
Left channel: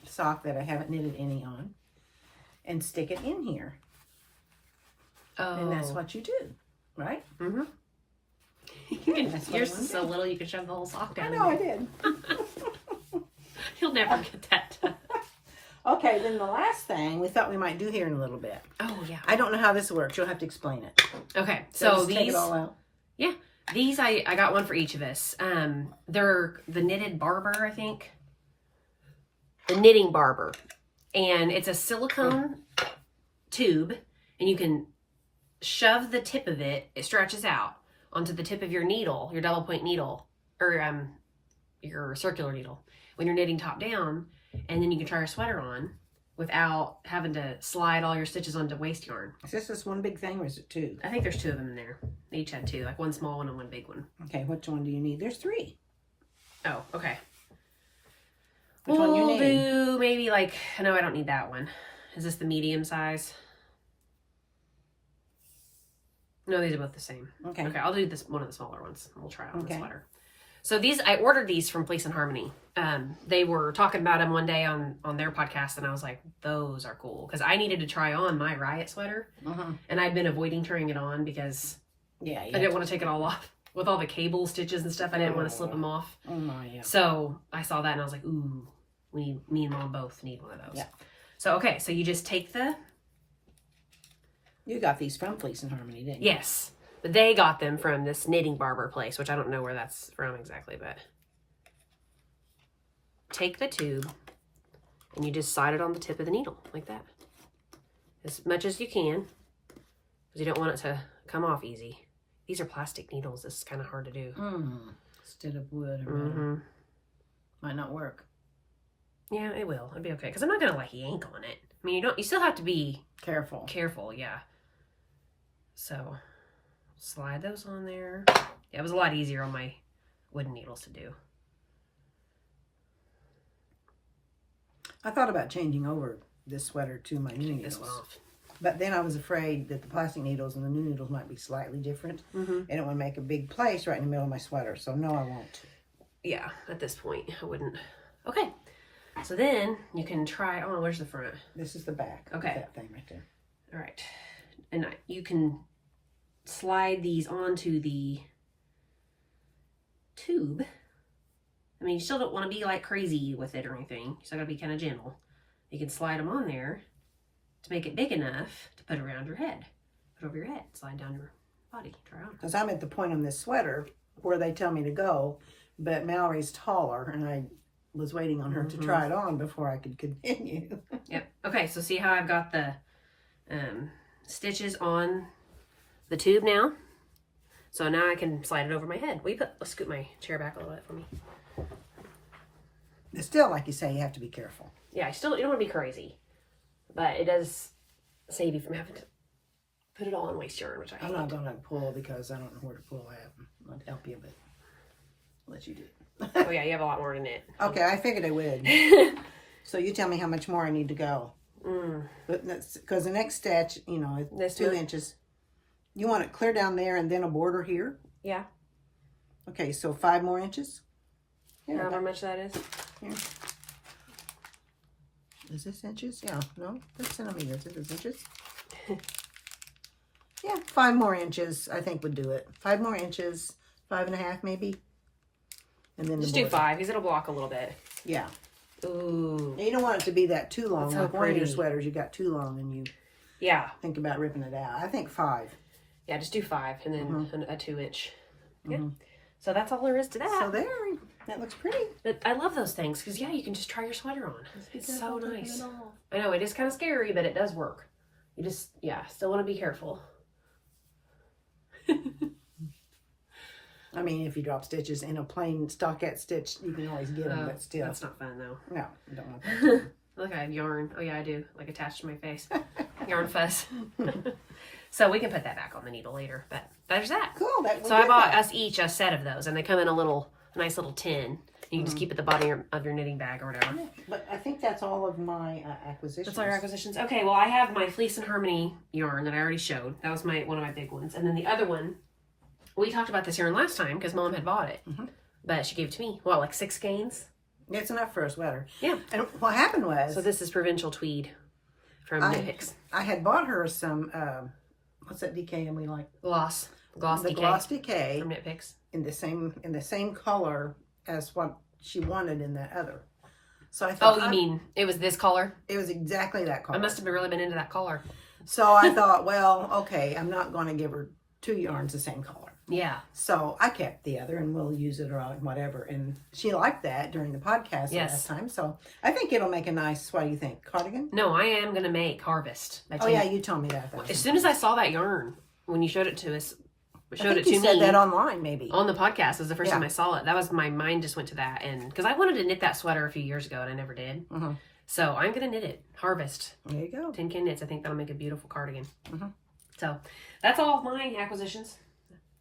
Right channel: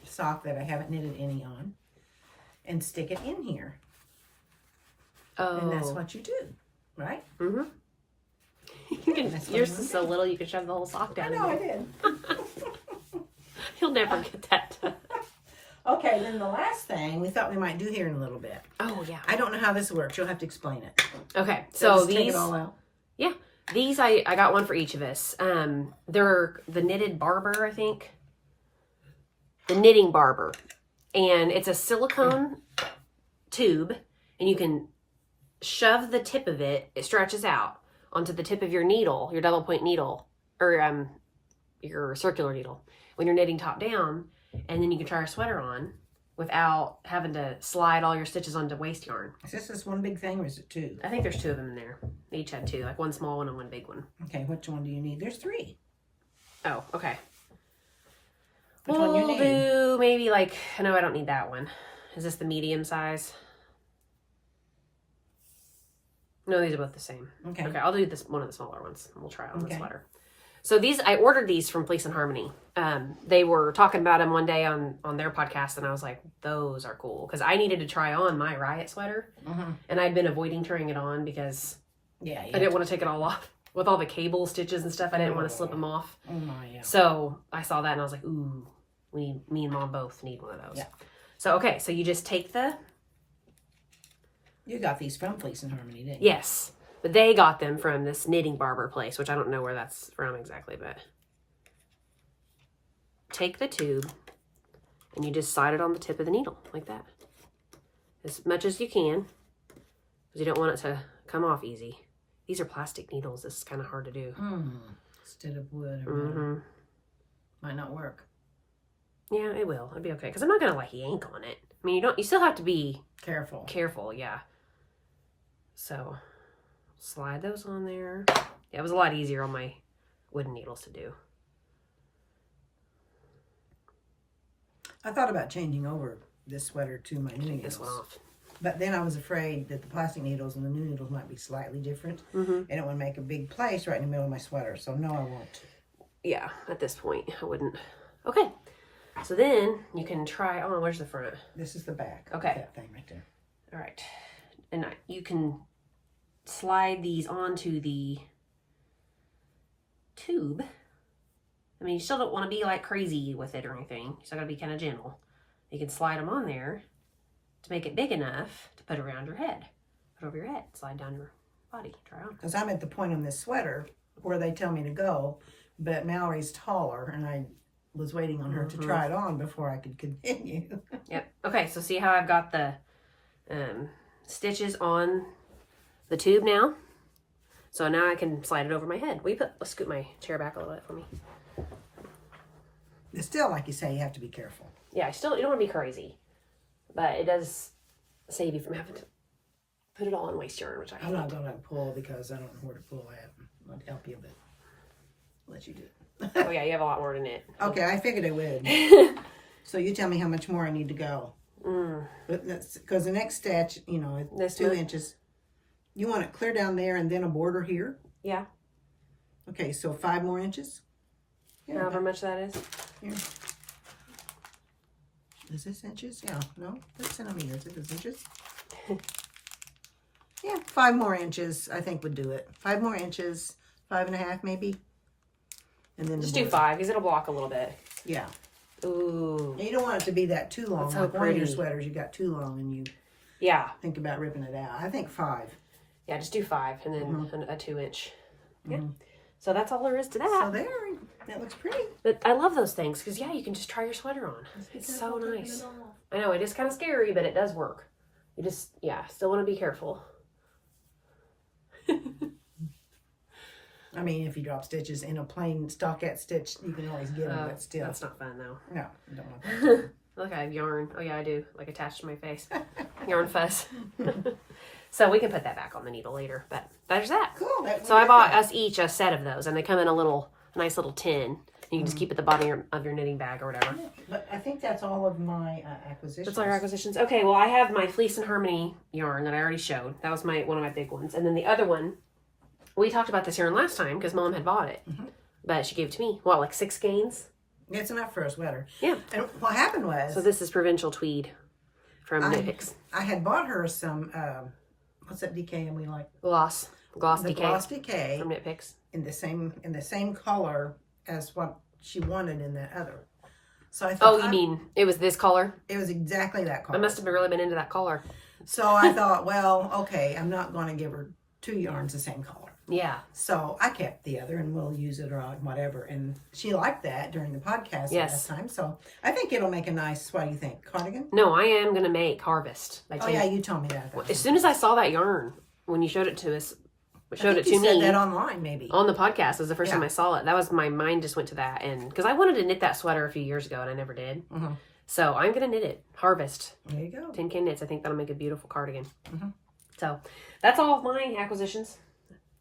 sock that I haven't knitted any on and stick it in here. Oh. And that's what you do, right? Mm-hmm. That's what Yours I'm is so little you can shove the whole sock down. I know I in there. did. You'll never get that done. Okay, then the last thing we thought we might do here in a little bit. Oh, yeah. I don't know how this works. You'll have to explain it. Okay, So so just take these, it all out. yeah, these I got one for each of us. They're the Knitted Barber, I think. The Knitting Barber. And it's a silicone tube, and you can shove the tip of it, it stretches out onto the tip of your needle, your double point needle, or your circular needle, when you're knitting top down, and then you can try your sweater on without having to slide all your stitches onto waste yarn. Is this one big thing or is it two? I think there's two of them in there. They each had two, like one small one and one big one. Okay, which one do you need? There's three. Oh, okay. Which one you We'll need? do maybe like, no, I don't need that one. Is this the medium size? No, these are both the same. Okay. Okay, I'll do this one of the smaller ones. And we'll try it on the Okay. sweater. So these, I ordered these from Fleece and Harmony. They were talking about them one day on their podcast, and I was like, those are cool. Because I needed to try on my Wryit sweater, and I'd been avoiding trying it on because Yeah, I didn't want to take it all off. With all the cable stitches and stuff, I didn't want to slip them off. Oh my, yeah. So I saw that, and I was like, ooh, me and Mom both need one of those. Yeah. So, okay, so you just take the... You got these from Fleece and Harmony, didn't you? Yes. But they got them from this Knitting Barber place, which I don't know where that's from exactly, but take the tube and you just slide it on the tip of the needle like that. As much as you can, because you don't want it to come off easy. These are plastic needles. This is kind of hard to do. Instead of wood or metal. Might not work. Yeah, it will. It'll be okay. Because I'm not going to like yank on it. I mean, you still have to be Careful, yeah. So slide those on there. Yeah, it was a lot easier on my wooden needles to do. I thought about changing over this sweater to my new needles. This one off. But then I was afraid that the plastic needles and the new needles might be slightly different. And it would make a big place right in the middle of my sweater. So no, I won't. Yeah, at this point, I wouldn't. Okay. So then you can try on. Where's the front? This is the back. Okay. That thing right there. All right. And you can slide these onto the tube. I mean, you still don't want to be like crazy with it or anything. You still got to be kind of gentle. You can slide them on there to make it big enough to put around your head. Put over your head. Slide down your body. Try on. Because I'm at the point on this sweater where they tell me to go, but Mallory's taller, and I was waiting on her to try it on before I could continue. Yep. Okay, so see how I've got the stitches on the tube now? So now I can slide it over my head. Let's scoot my chair back a little bit for me. It's still, like you say, you have to be careful. Yeah, you don't want to be crazy. But it does save you from having to put it all on waste yarn, which I hate. I'm not going to pull because I don't know where to pull at. I'd help you, but I'll let you do it. Oh yeah, you have a lot more than it. Okay, I figured I would. So you tell me how much more I need to go. Because the next stitch, it's 2 inches. You want it clear down there and then a border here? Yeah. Okay, so 5 more inches? However much that is. Here. Is this inches? Yeah, no, that's centimeters. Is this inches? Yeah, 5 more inches, I think would do it. 5 more inches, 5.5 maybe. And then Just do 5 because it'll block a little bit. Yeah. Ooh. You don't want it to be that too long. That's so like one of your pretty. sweaters, you got too long and you think about ripping it out. I think 5. Yeah, just do 5 and then a 2-inch. Yeah. So that's all there is to that. So there, that looks pretty. But I love those things because, yeah, you can just try your sweater on. It's so nice. I know, it is kind of scary, but it does work. You just, still want to be careful. I mean, if you drop stitches in a plain stockinette stitch, you can always get them, but still. That's not fun, though. No, I don't want that. Look, I have yarn. Oh, yeah, I do. Like, attached to my face. Yarn fuzz. So we can put that back on the needle later. But there's that. Cool. So I bought us each a set of those, and they come in a nice little tin. You can just keep it at the bottom of your knitting bag or whatever. Yeah, but I think that's all of my acquisitions. That's all your acquisitions. Okay, well, I have my Fleece and Harmony yarn that I already showed. That was one of my big ones. And then the other one, we talked about this yarn last time because Mom had bought it. But she gave it to me. Well, like 6 skeins? It's enough for a sweater. Yeah. And what happened was... So this is Provincial Tweed from Knit Picks. I had bought her some... what's that DK and we like? Gloss the DK. Gloss DK. From Knit Picks. In the same color as what she wanted in the other. So I thought... Oh, you mean it was this color? It was exactly that color. I must have really been into that color. So I thought, well, okay, I'm not going to give her 2 yarns the same color. Yeah. So I kept the other and we'll use it or whatever. And she liked that during the podcast last time. So I think it'll make a nice, what do you think, cardigan? No, I am going to make Harvest. Oh, yeah, you told me that. As soon as I saw that yarn, when you showed it to us, you said that online, maybe. On the podcast was the first time I saw it. That was, my mind just went to that. And because I wanted to knit that sweater a few years ago and I never did. So I'm going to knit it. Harvest. There you go. Tin Can Knits. I think that'll make a beautiful cardigan. So that's all of my acquisitions.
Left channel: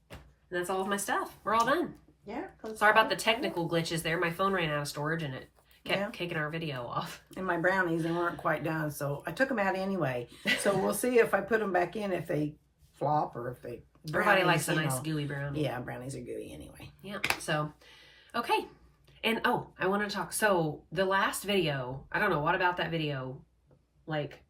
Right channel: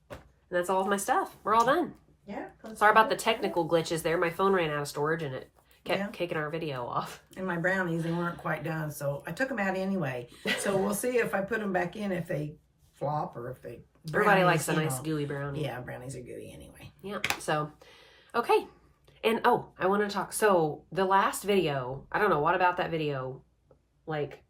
And that's all of my stuff. We're all done. Yeah. Sorry about the technical glitches there. My phone ran out of storage and it kept kicking our video off. And my brownies, they weren't quite done. So I took them out anyway. So we'll see if I put them back in, if they flop or if they... Everybody likes a nice gooey brownie. Yeah, brownies are gooey anyway. Yeah. So, okay. And, I wanted to talk. So, the last video, I don't know what about that video, like,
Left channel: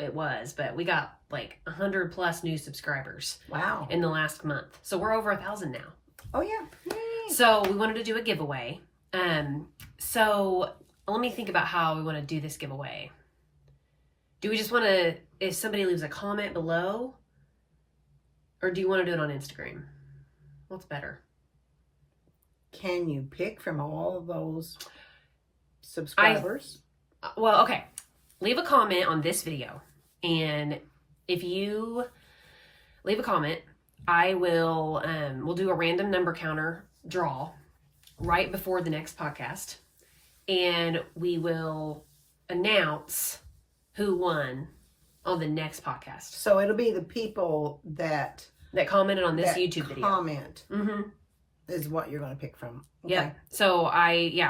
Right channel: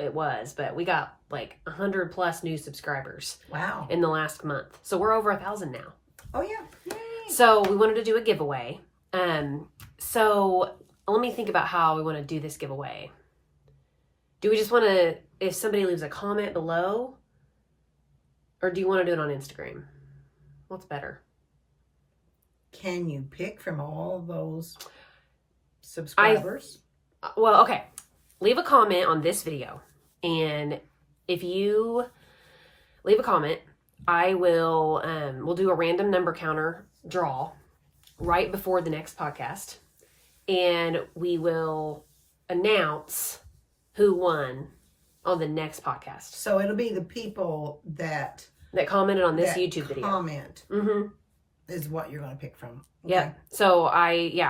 it was, but we got, like, 100 plus new subscribers. Wow. In the last month. So, we're over 1,000 now. Oh, yeah. Yay. So, we wanted to do a giveaway. So, let me think about how we want to do this giveaway. Do we just want to, if somebody leaves a comment below, or do you want to do it on Instagram? What's better? Can you pick from all of those subscribers? Well, okay. Leave a comment on this video. And if you leave a comment, I will, we'll do a random number counter draw right before the next podcast. And we will announce who won on the next podcast. So it'll be the people that commented on this YouTube video. Comment is what you're going to pick from. Okay. Yeah. So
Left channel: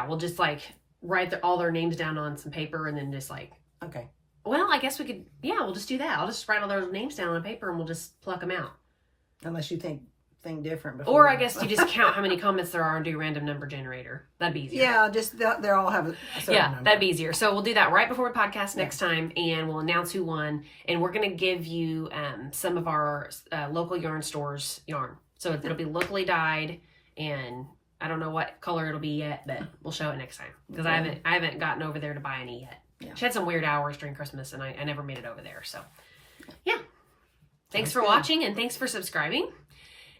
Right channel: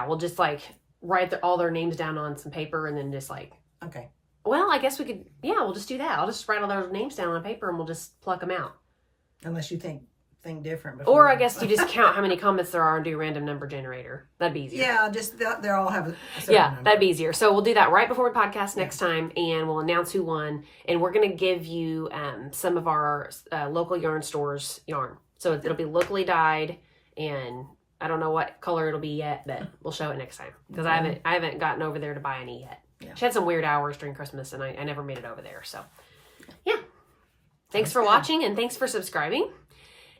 we'll just like write all their names down on some paper and then just like. Okay. Well, I guess we could. Yeah, we'll just do that. I'll just write all their names down on paper and we'll just pluck them out. Unless you think different. Before. Or I guess you just count how many comments there are and do random number generator. That'd be easier. Yeah, just they all have a certain number. That'd be easier. So we'll do that right before we podcast next time, and we'll announce who won. And we're gonna give you some of our local yarn stores yarn. So it'll be locally dyed, and I don't know what color it'll be yet, but we'll show it next time because I haven't gotten over there to buy any yet. Yeah. She had some weird hours during Christmas, and I never made it over there. So yeah, thanks for watching and thanks for subscribing.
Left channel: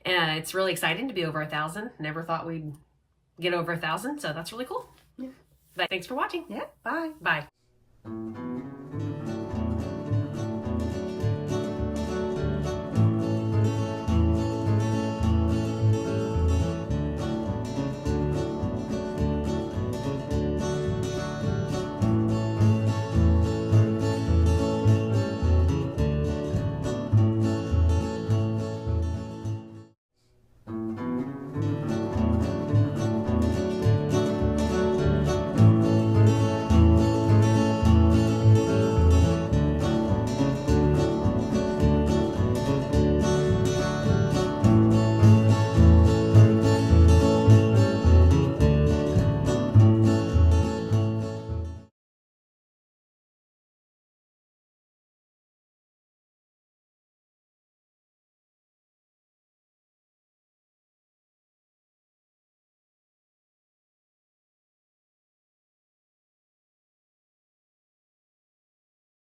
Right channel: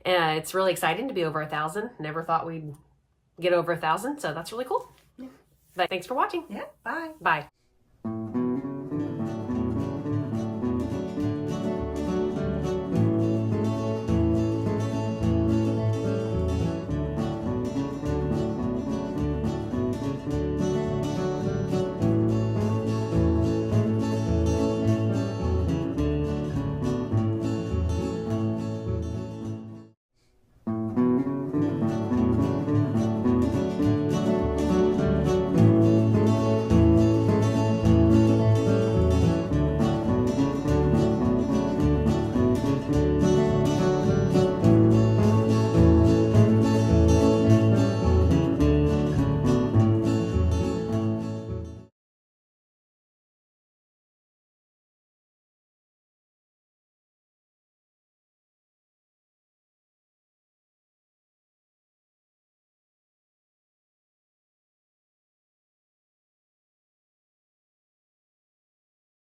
It's really exciting to be over 1,000. Never thought we'd get over 1,000, so that's really cool. Yeah. But thanks for watching. Yeah, bye. Bye.